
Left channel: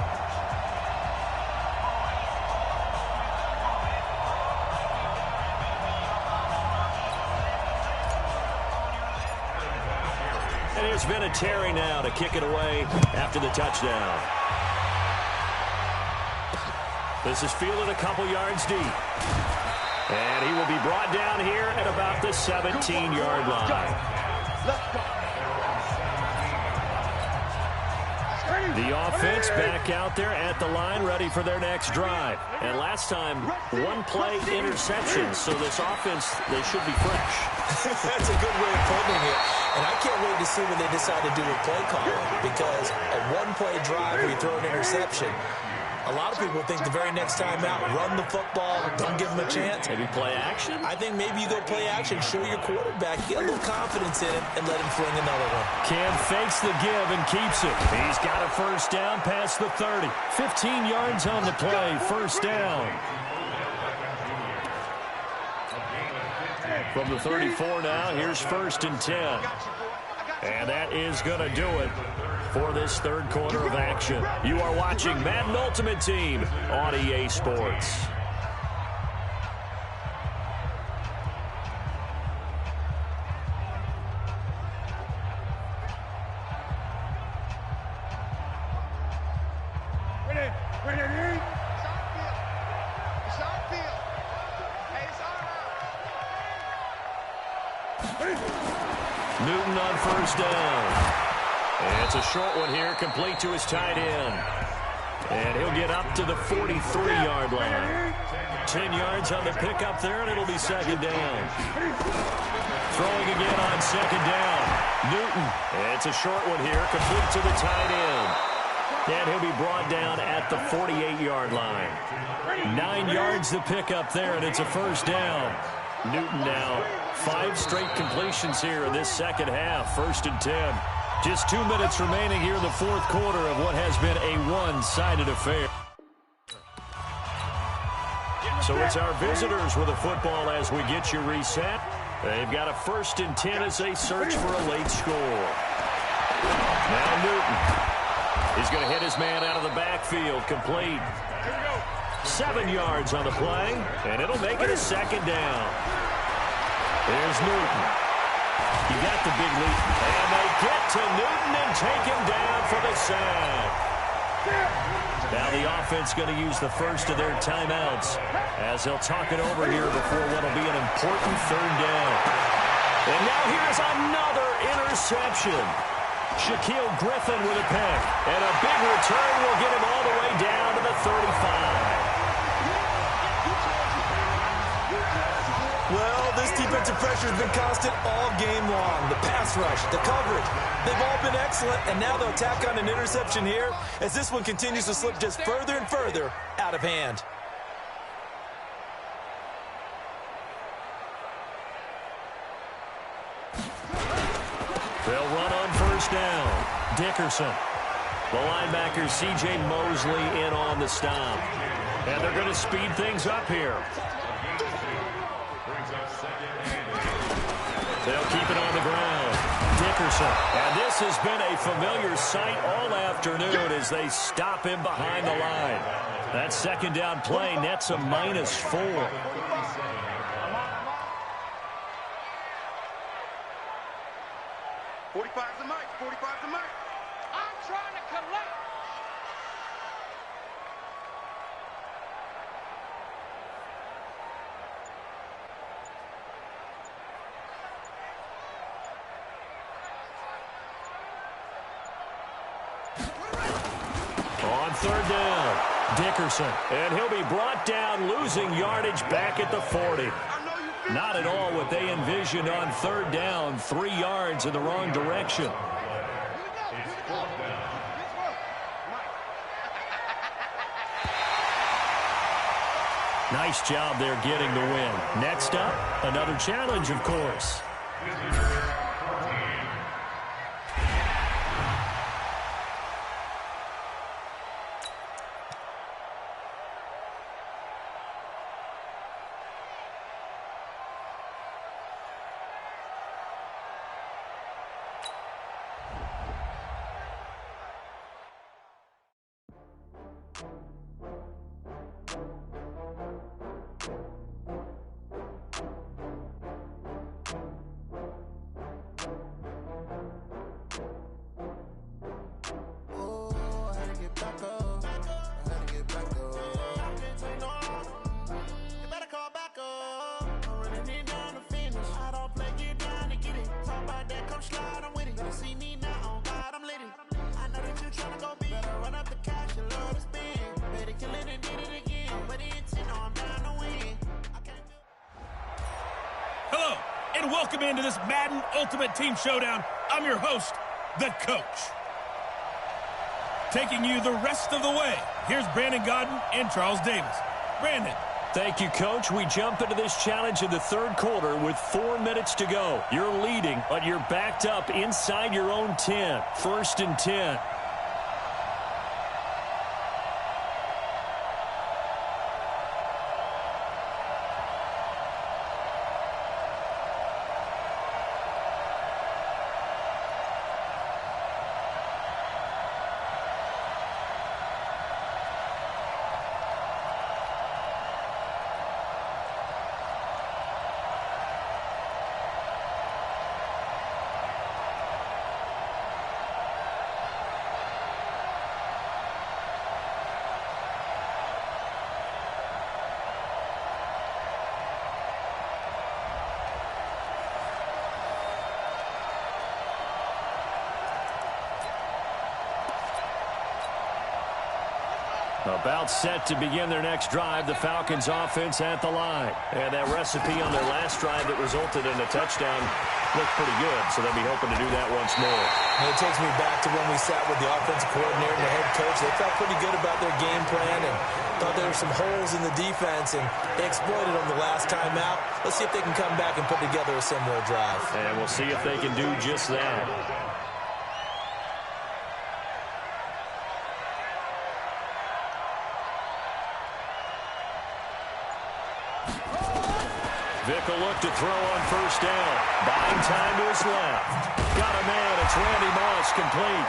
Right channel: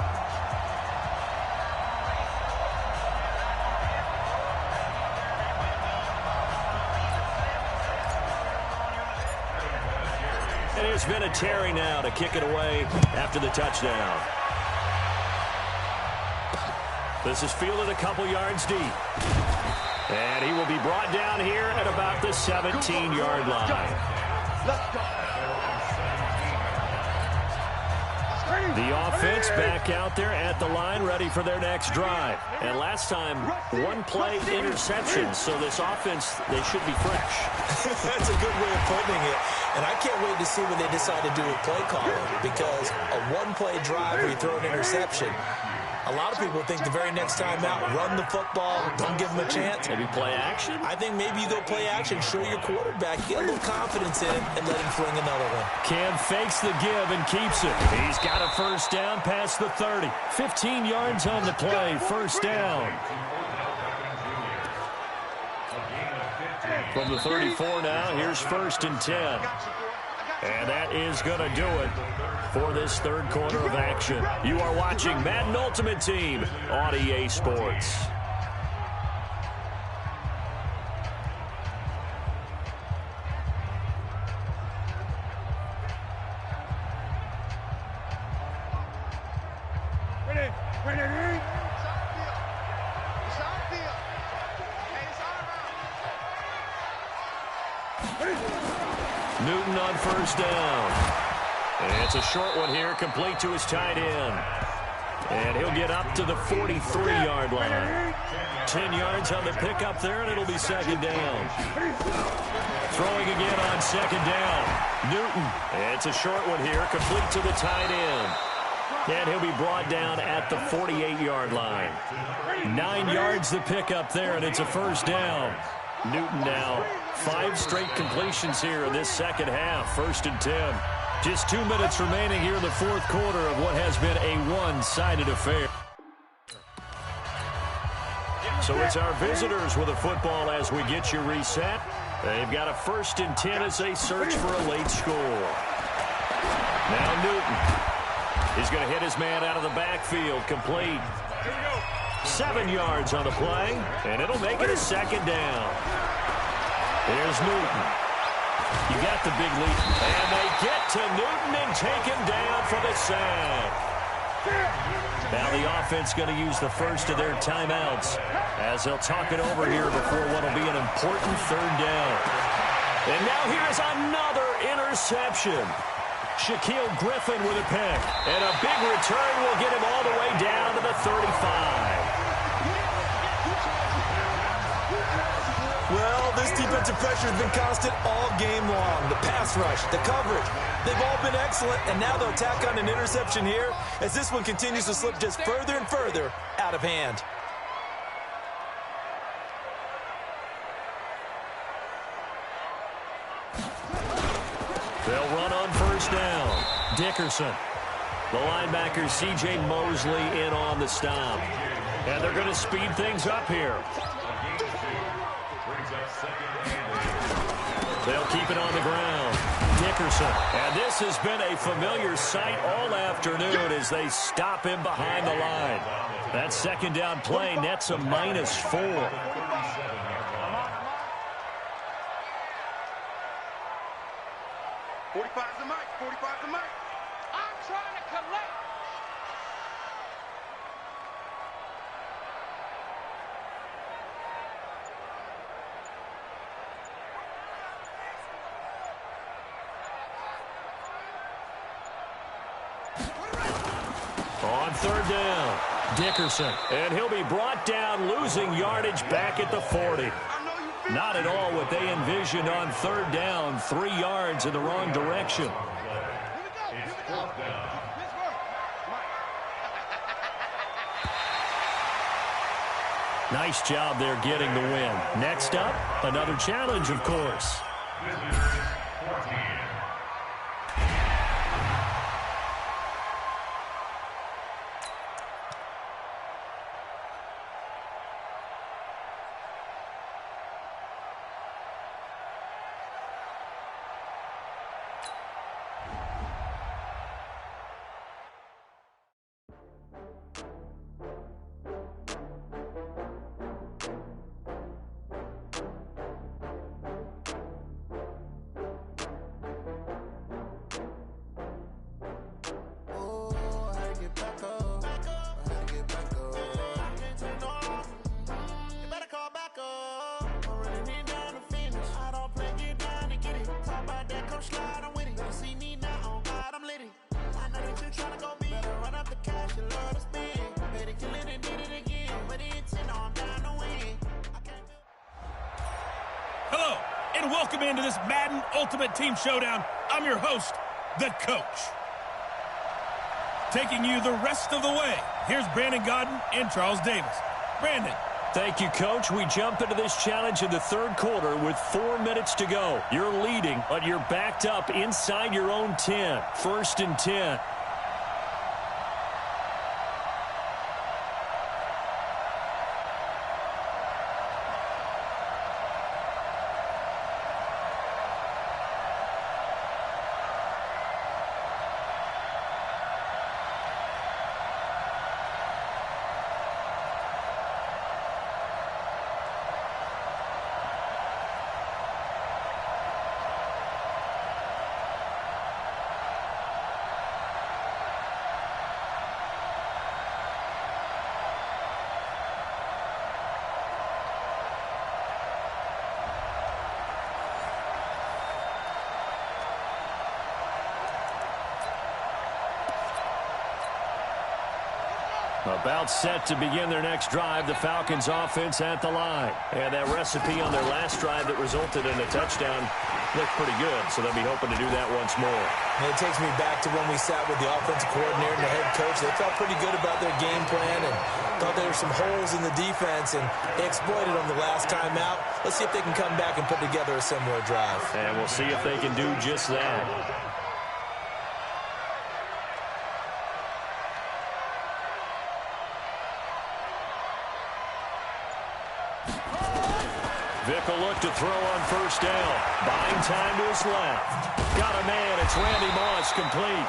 And here's Vinatieri now to kick it away after the touchdown. This is fielded a couple yards deep. And he will be brought down here at about the 17-yard line. Let's go. The offense back out there at the line, ready for their next drive. And last time, 1 play interception. So this offense, they should be fresh. That's a good way of putting it. And I can't wait to see what they decide to do with play calling, because a 1-play drive where you throw an interception, a lot of people think the very next time out, run the football, don't give them a chance. Maybe play action? I think maybe you go play action, show your quarterback, get a little confidence in it, and let him fling another one. Cam fakes the give and keeps it. He's got a first down past the 30. 15 yards on the play, first down. From the 34 now, here's 1st and 10. And that is going to do it for this third quarter of action. You are watching Madden Ultimate Team on EA Sports. Ready? Ready? It's on field. It's on field. Hey, it's all around. Newton on first down. And it's a short one here, complete to his tight end. And he'll get up to the 43-yard line. 10 yards on the pickup there, and it'll be second down. Throwing again on second down. Newton. It's a short one here, complete to the tight end. And he'll be brought down at the 48-yard line. 9 yards the pickup there, and it's a first down. Newton now 5 straight completions here in this second half. 1st and 10. Just 2 minutes remaining here in the fourth quarter of what has been a one-sided affair. So it's our visitors with the football as we get you reset. They've got a 1st and 10 as they search for a late score. Now Newton. He's going to hit his man out of the backfield. Complete. 7 yards on the play, and it'll make it a second down. Here's Newton. You got the big lead. And they get to Newton and take him down for the sack. Now the offense going to use the first of their timeouts as they'll talk it over here before what will be an important third down. And now here is another interception. Shaquille Griffin with a pick. And a big return will get him all the way down to the 35. Well, this defensive pressure has been constant all game long. The pass rush, the coverage, they've all been excellent, and now they'll tack on an interception here as this one continues to slip just further and further out of hand. They'll run on first down. Dickerson. The linebacker C.J. Mosley in on the stop. And they're going to speed things up here. They'll keep it on the ground. Dickerson. And this has been a familiar sight all afternoon as they stop him behind the line. That second down play nets a -4. 45's the mic. 45's the mic. I'm trying to collect. On third down, Dickerson. And he'll be brought down, losing yardage back at the 40. Not at all what they envisioned on third down. 3 yards in the wrong direction. Nice job there getting the win. Next up, another challenge, of course. Hello, and welcome into this Madden Ultimate Team Showdown. I'm your host, the Coach. Taking you the rest of the way, here's Brandon Godden and Charles Davis. Brandon. Thank you, Coach. We jump into this challenge in the third quarter with 4 minutes to go. You're leading, but you're backed up inside your own 10. 1st and 10. About set to begin their next drive, the Falcons offense at the line. And that recipe on their last drive that resulted in a touchdown looked pretty good, so they'll be hoping to do that once more. And it takes me back to when we sat with the offensive coordinator and the head coach. They felt pretty good about their game plan and thought there were some holes in the defense, and they exploited them the last time out. Let's see if they can come back and put together a similar drive. And we'll see if they can do just that. Vic will look to throw on first down. Buying time to his left. Got a man. It's Randy Moss, complete.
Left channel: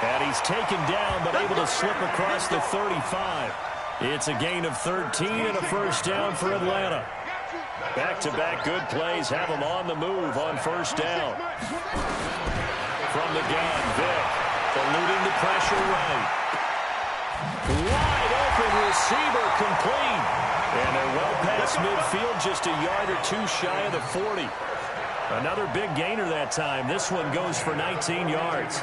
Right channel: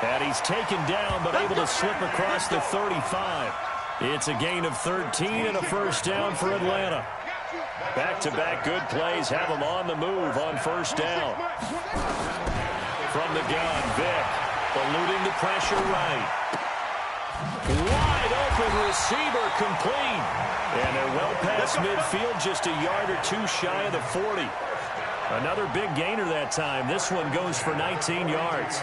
And he's taken down, but able to slip across the 35. It's a gain of 13 and a first down for Atlanta. Back-to-back good plays have him on the move on first down. From the gun, Vic eluding the pressure right. Wide open receiver, complete. And they're well past midfield, just a yard or two shy of the 40. Another big gainer that time. This one goes for 19 yards.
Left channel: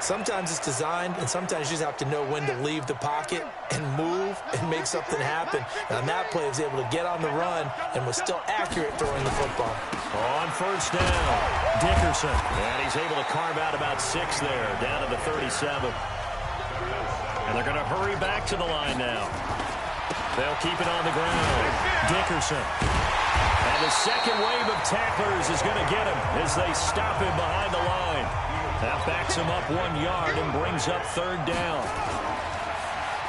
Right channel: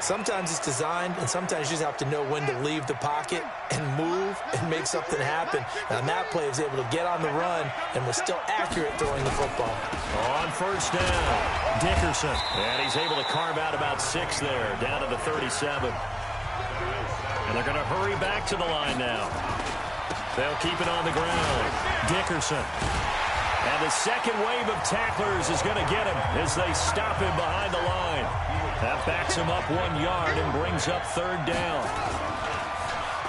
Sometimes it's designed, and sometimes you just have to know when to leave the pocket and move and make something happen. And on that play, he was able to get on the run and was still accurate throwing the football. On first down, Dickerson. And he's able to carve out about 6 there, down to the 37. And they're going to hurry back to the line now. They'll keep it on the ground. Dickerson. And the second wave of tacklers is going to get him as they stop him behind the line. That backs him up 1 yard and brings up third down.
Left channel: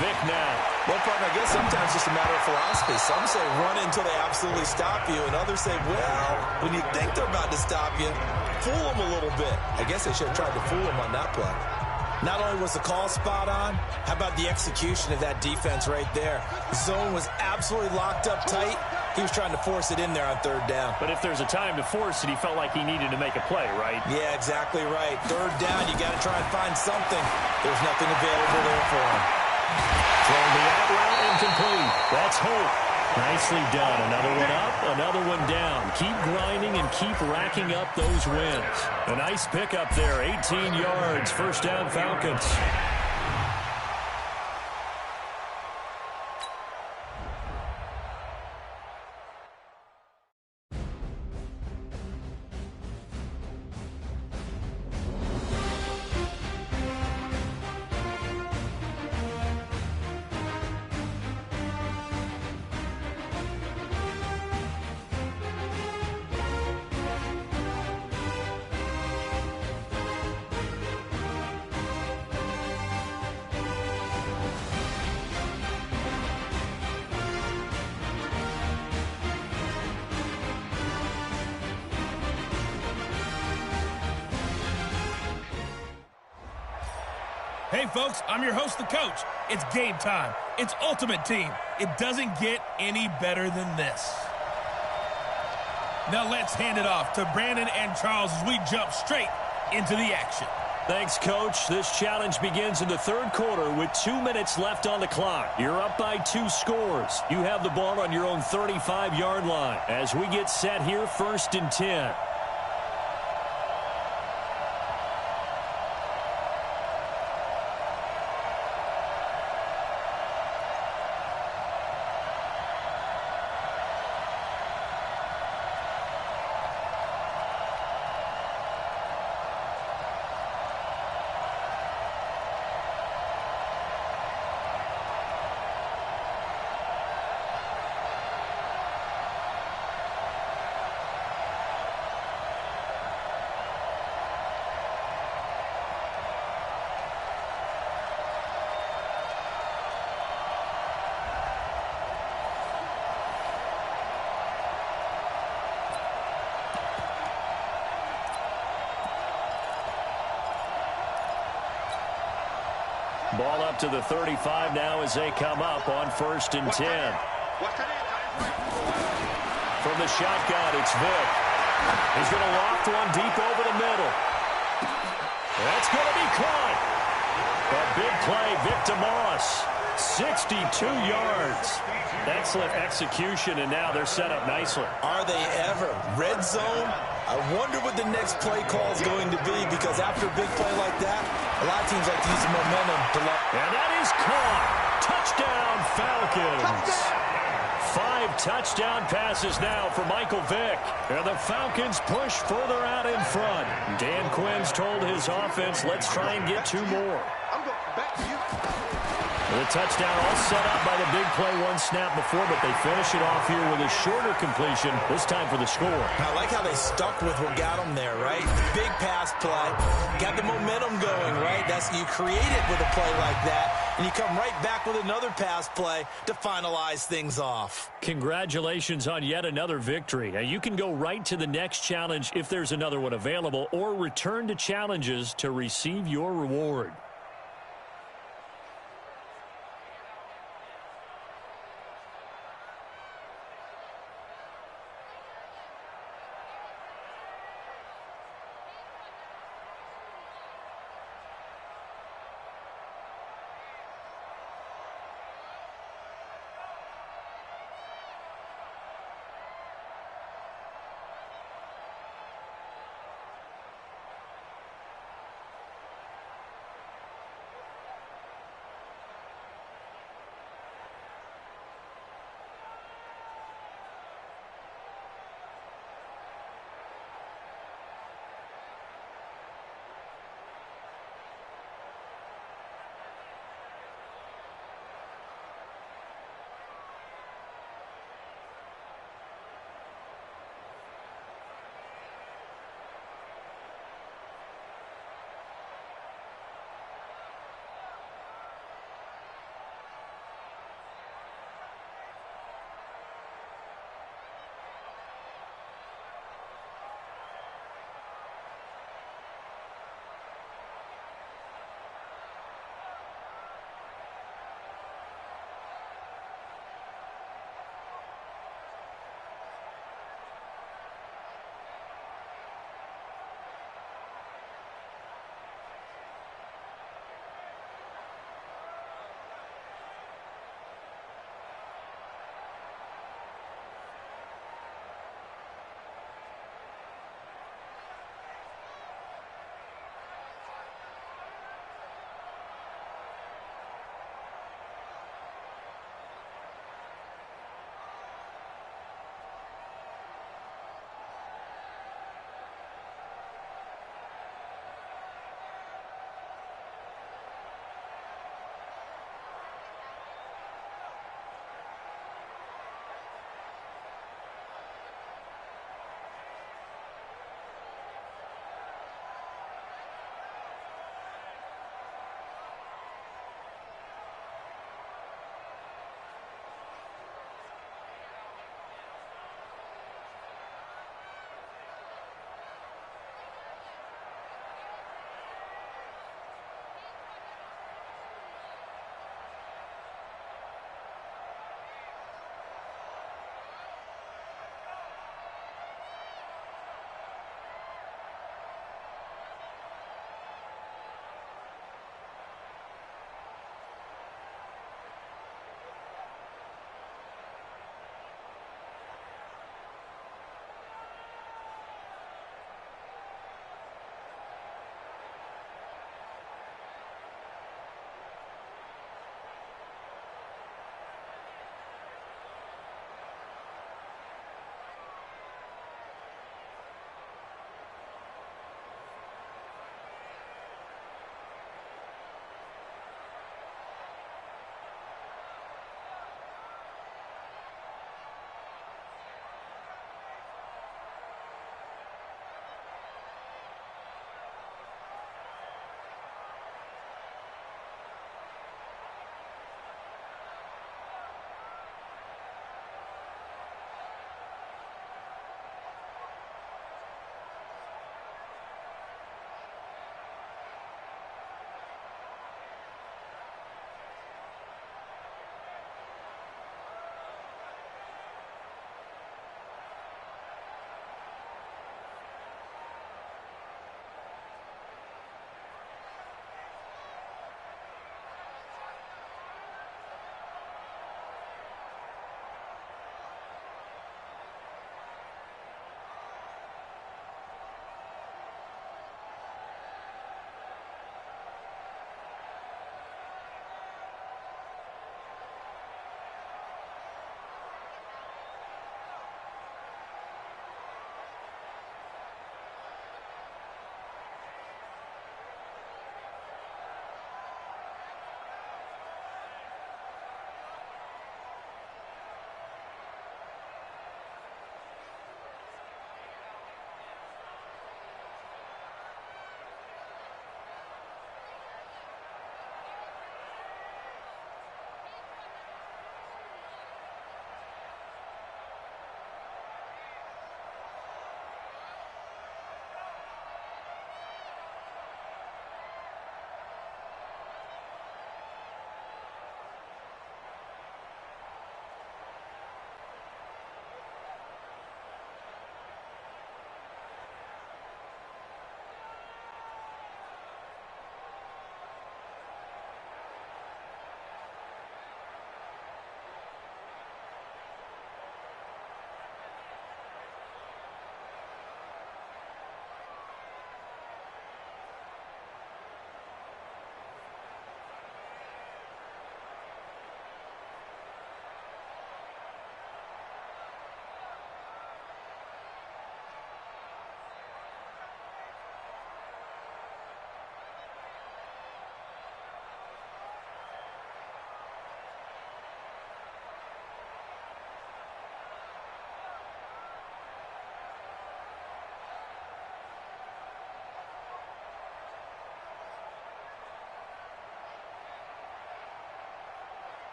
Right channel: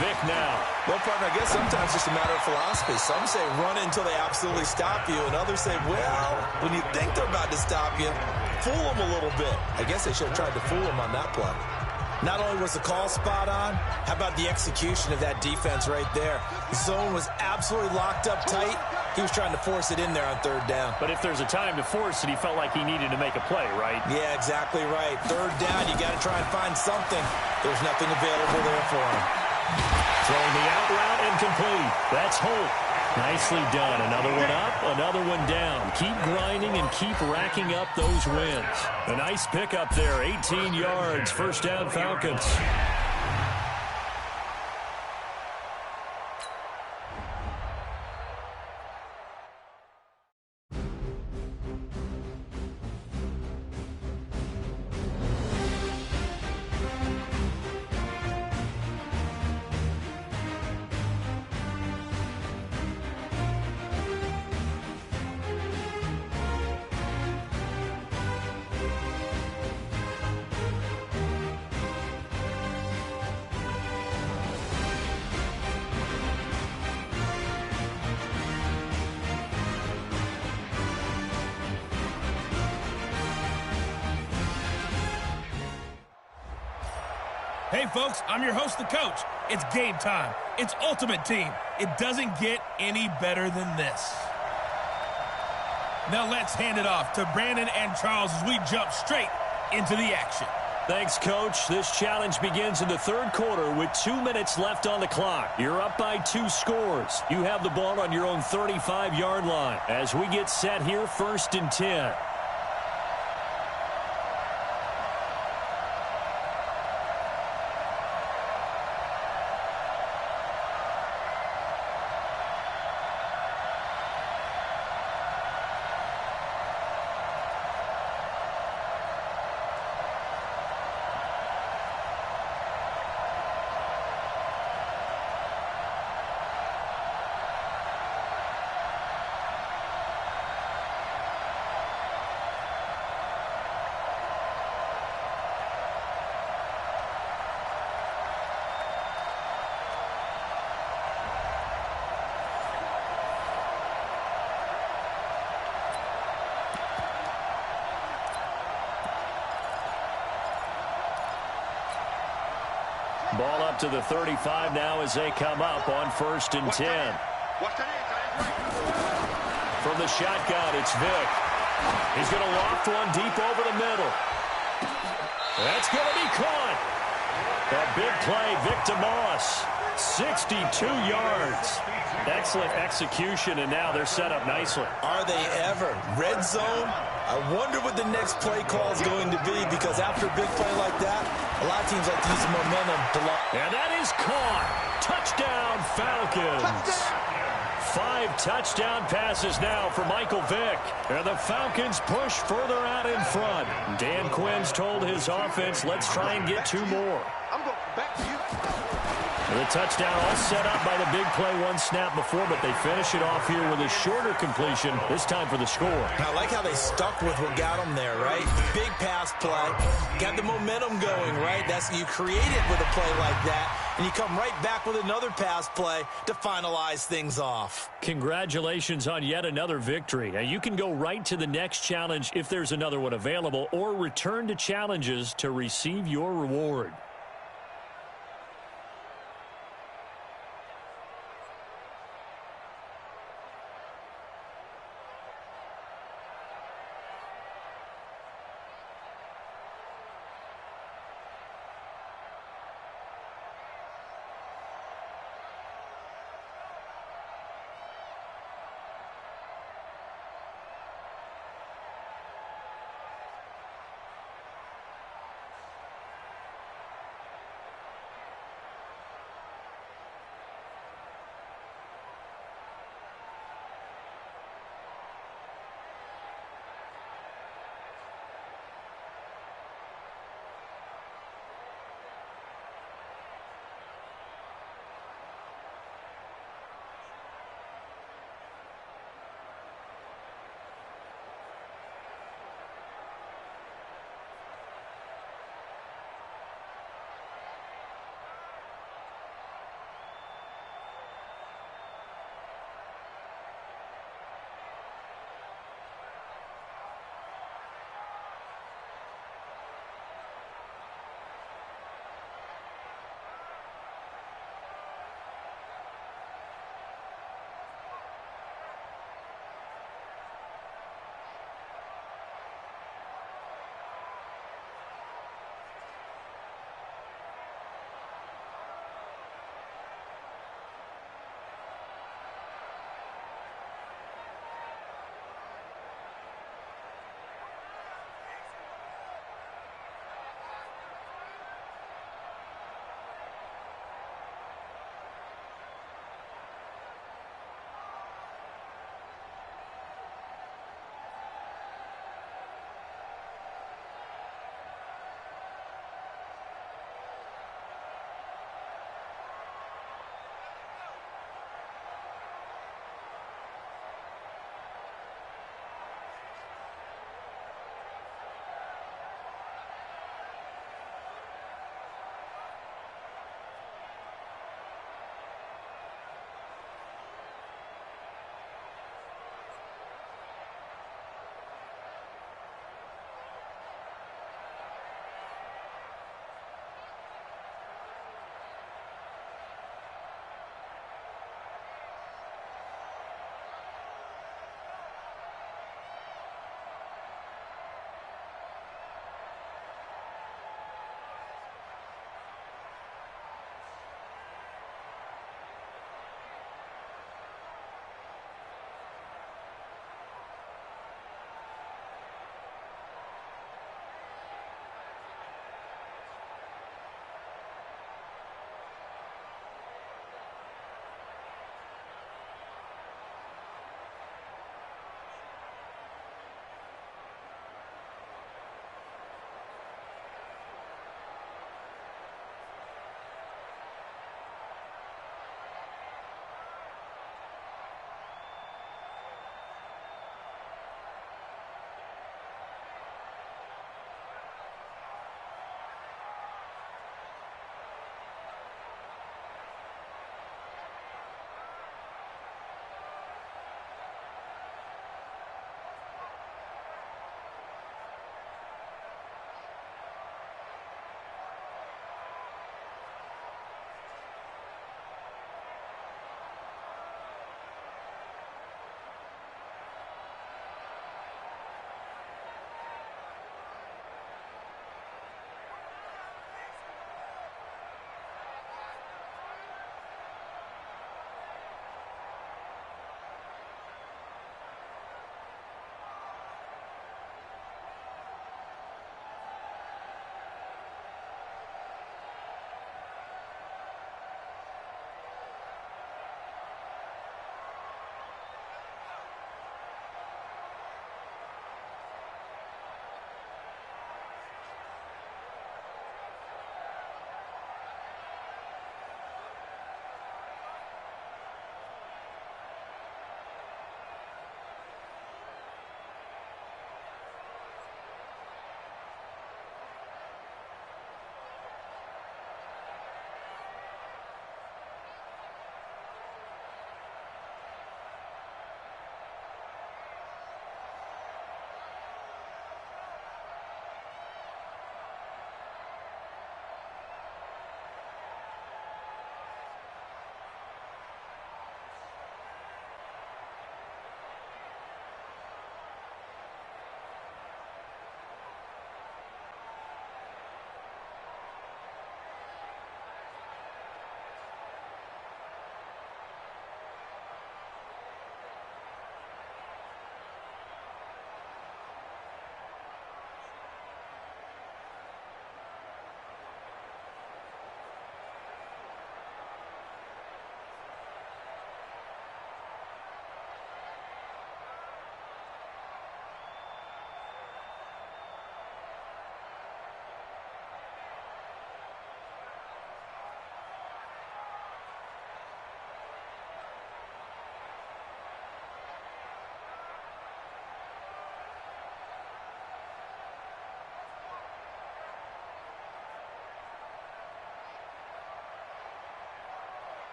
Vic now. Well, partner, I guess sometimes it's just a matter of philosophy. Some say run it until they absolutely stop you, and others say, well, when you think they're about to stop you, fool them a little bit. I guess they should have tried to fool them on that play. Not only was the call spot on, how about the execution of that defense right there? The zone was absolutely locked up tight. He was trying to force it in there on third down. But if there's a time to force it, he felt like he needed to make a play, right? Yeah, exactly right. Third down, you got to try and find something. There's nothing available there for him. Throwing the out route incomplete. That's Holt. Nicely done. Another one up, another one down. Keep grinding and keep racking up those wins. A nice pickup there, 18 yards. First down, Falcons. Hey, folks, I'm your host, the coach. It's game time. It's Ultimate Team. It doesn't get any better than this. Now let's hand it off to Brandon and Charles as we jump straight into the action. Thanks, Coach. This challenge begins in the third quarter with 2 minutes left on the clock. You're up by 2 scores. You have the ball on your own 35-yard line. As we get set here, 1st and 10. Ball up to the 35 now as they come up on 1st and 10. From the shotgun, it's Vic. He's going to loft one deep over the middle. That's going to be caught. A big play, Vic to Moss. 62 yards. Excellent execution, and now they're set up nicely. Are they ever? Red zone? I wonder what the next play call is going to be, because after a big play like that, a lot of teams like to use the momentum to lock. And that is caught. Touchdown, Falcons. 5 touchdown passes now for Michael Vick. And the Falcons push further out in front. Dan Quinn's told his offense, let's try and get 2 more. I'm going back to you. The touchdown all set up by the big play one snap before, but they finish it off here with a shorter completion, this time for the score. I like how they stuck with what got them there, right? Big pass play. Got the momentum going, right? You create it with a play like that, and you come right back with another pass play to finalize things off. Congratulations on yet another victory. Now, you can go right to the next challenge if there's another one available, or return to challenges to receive your reward.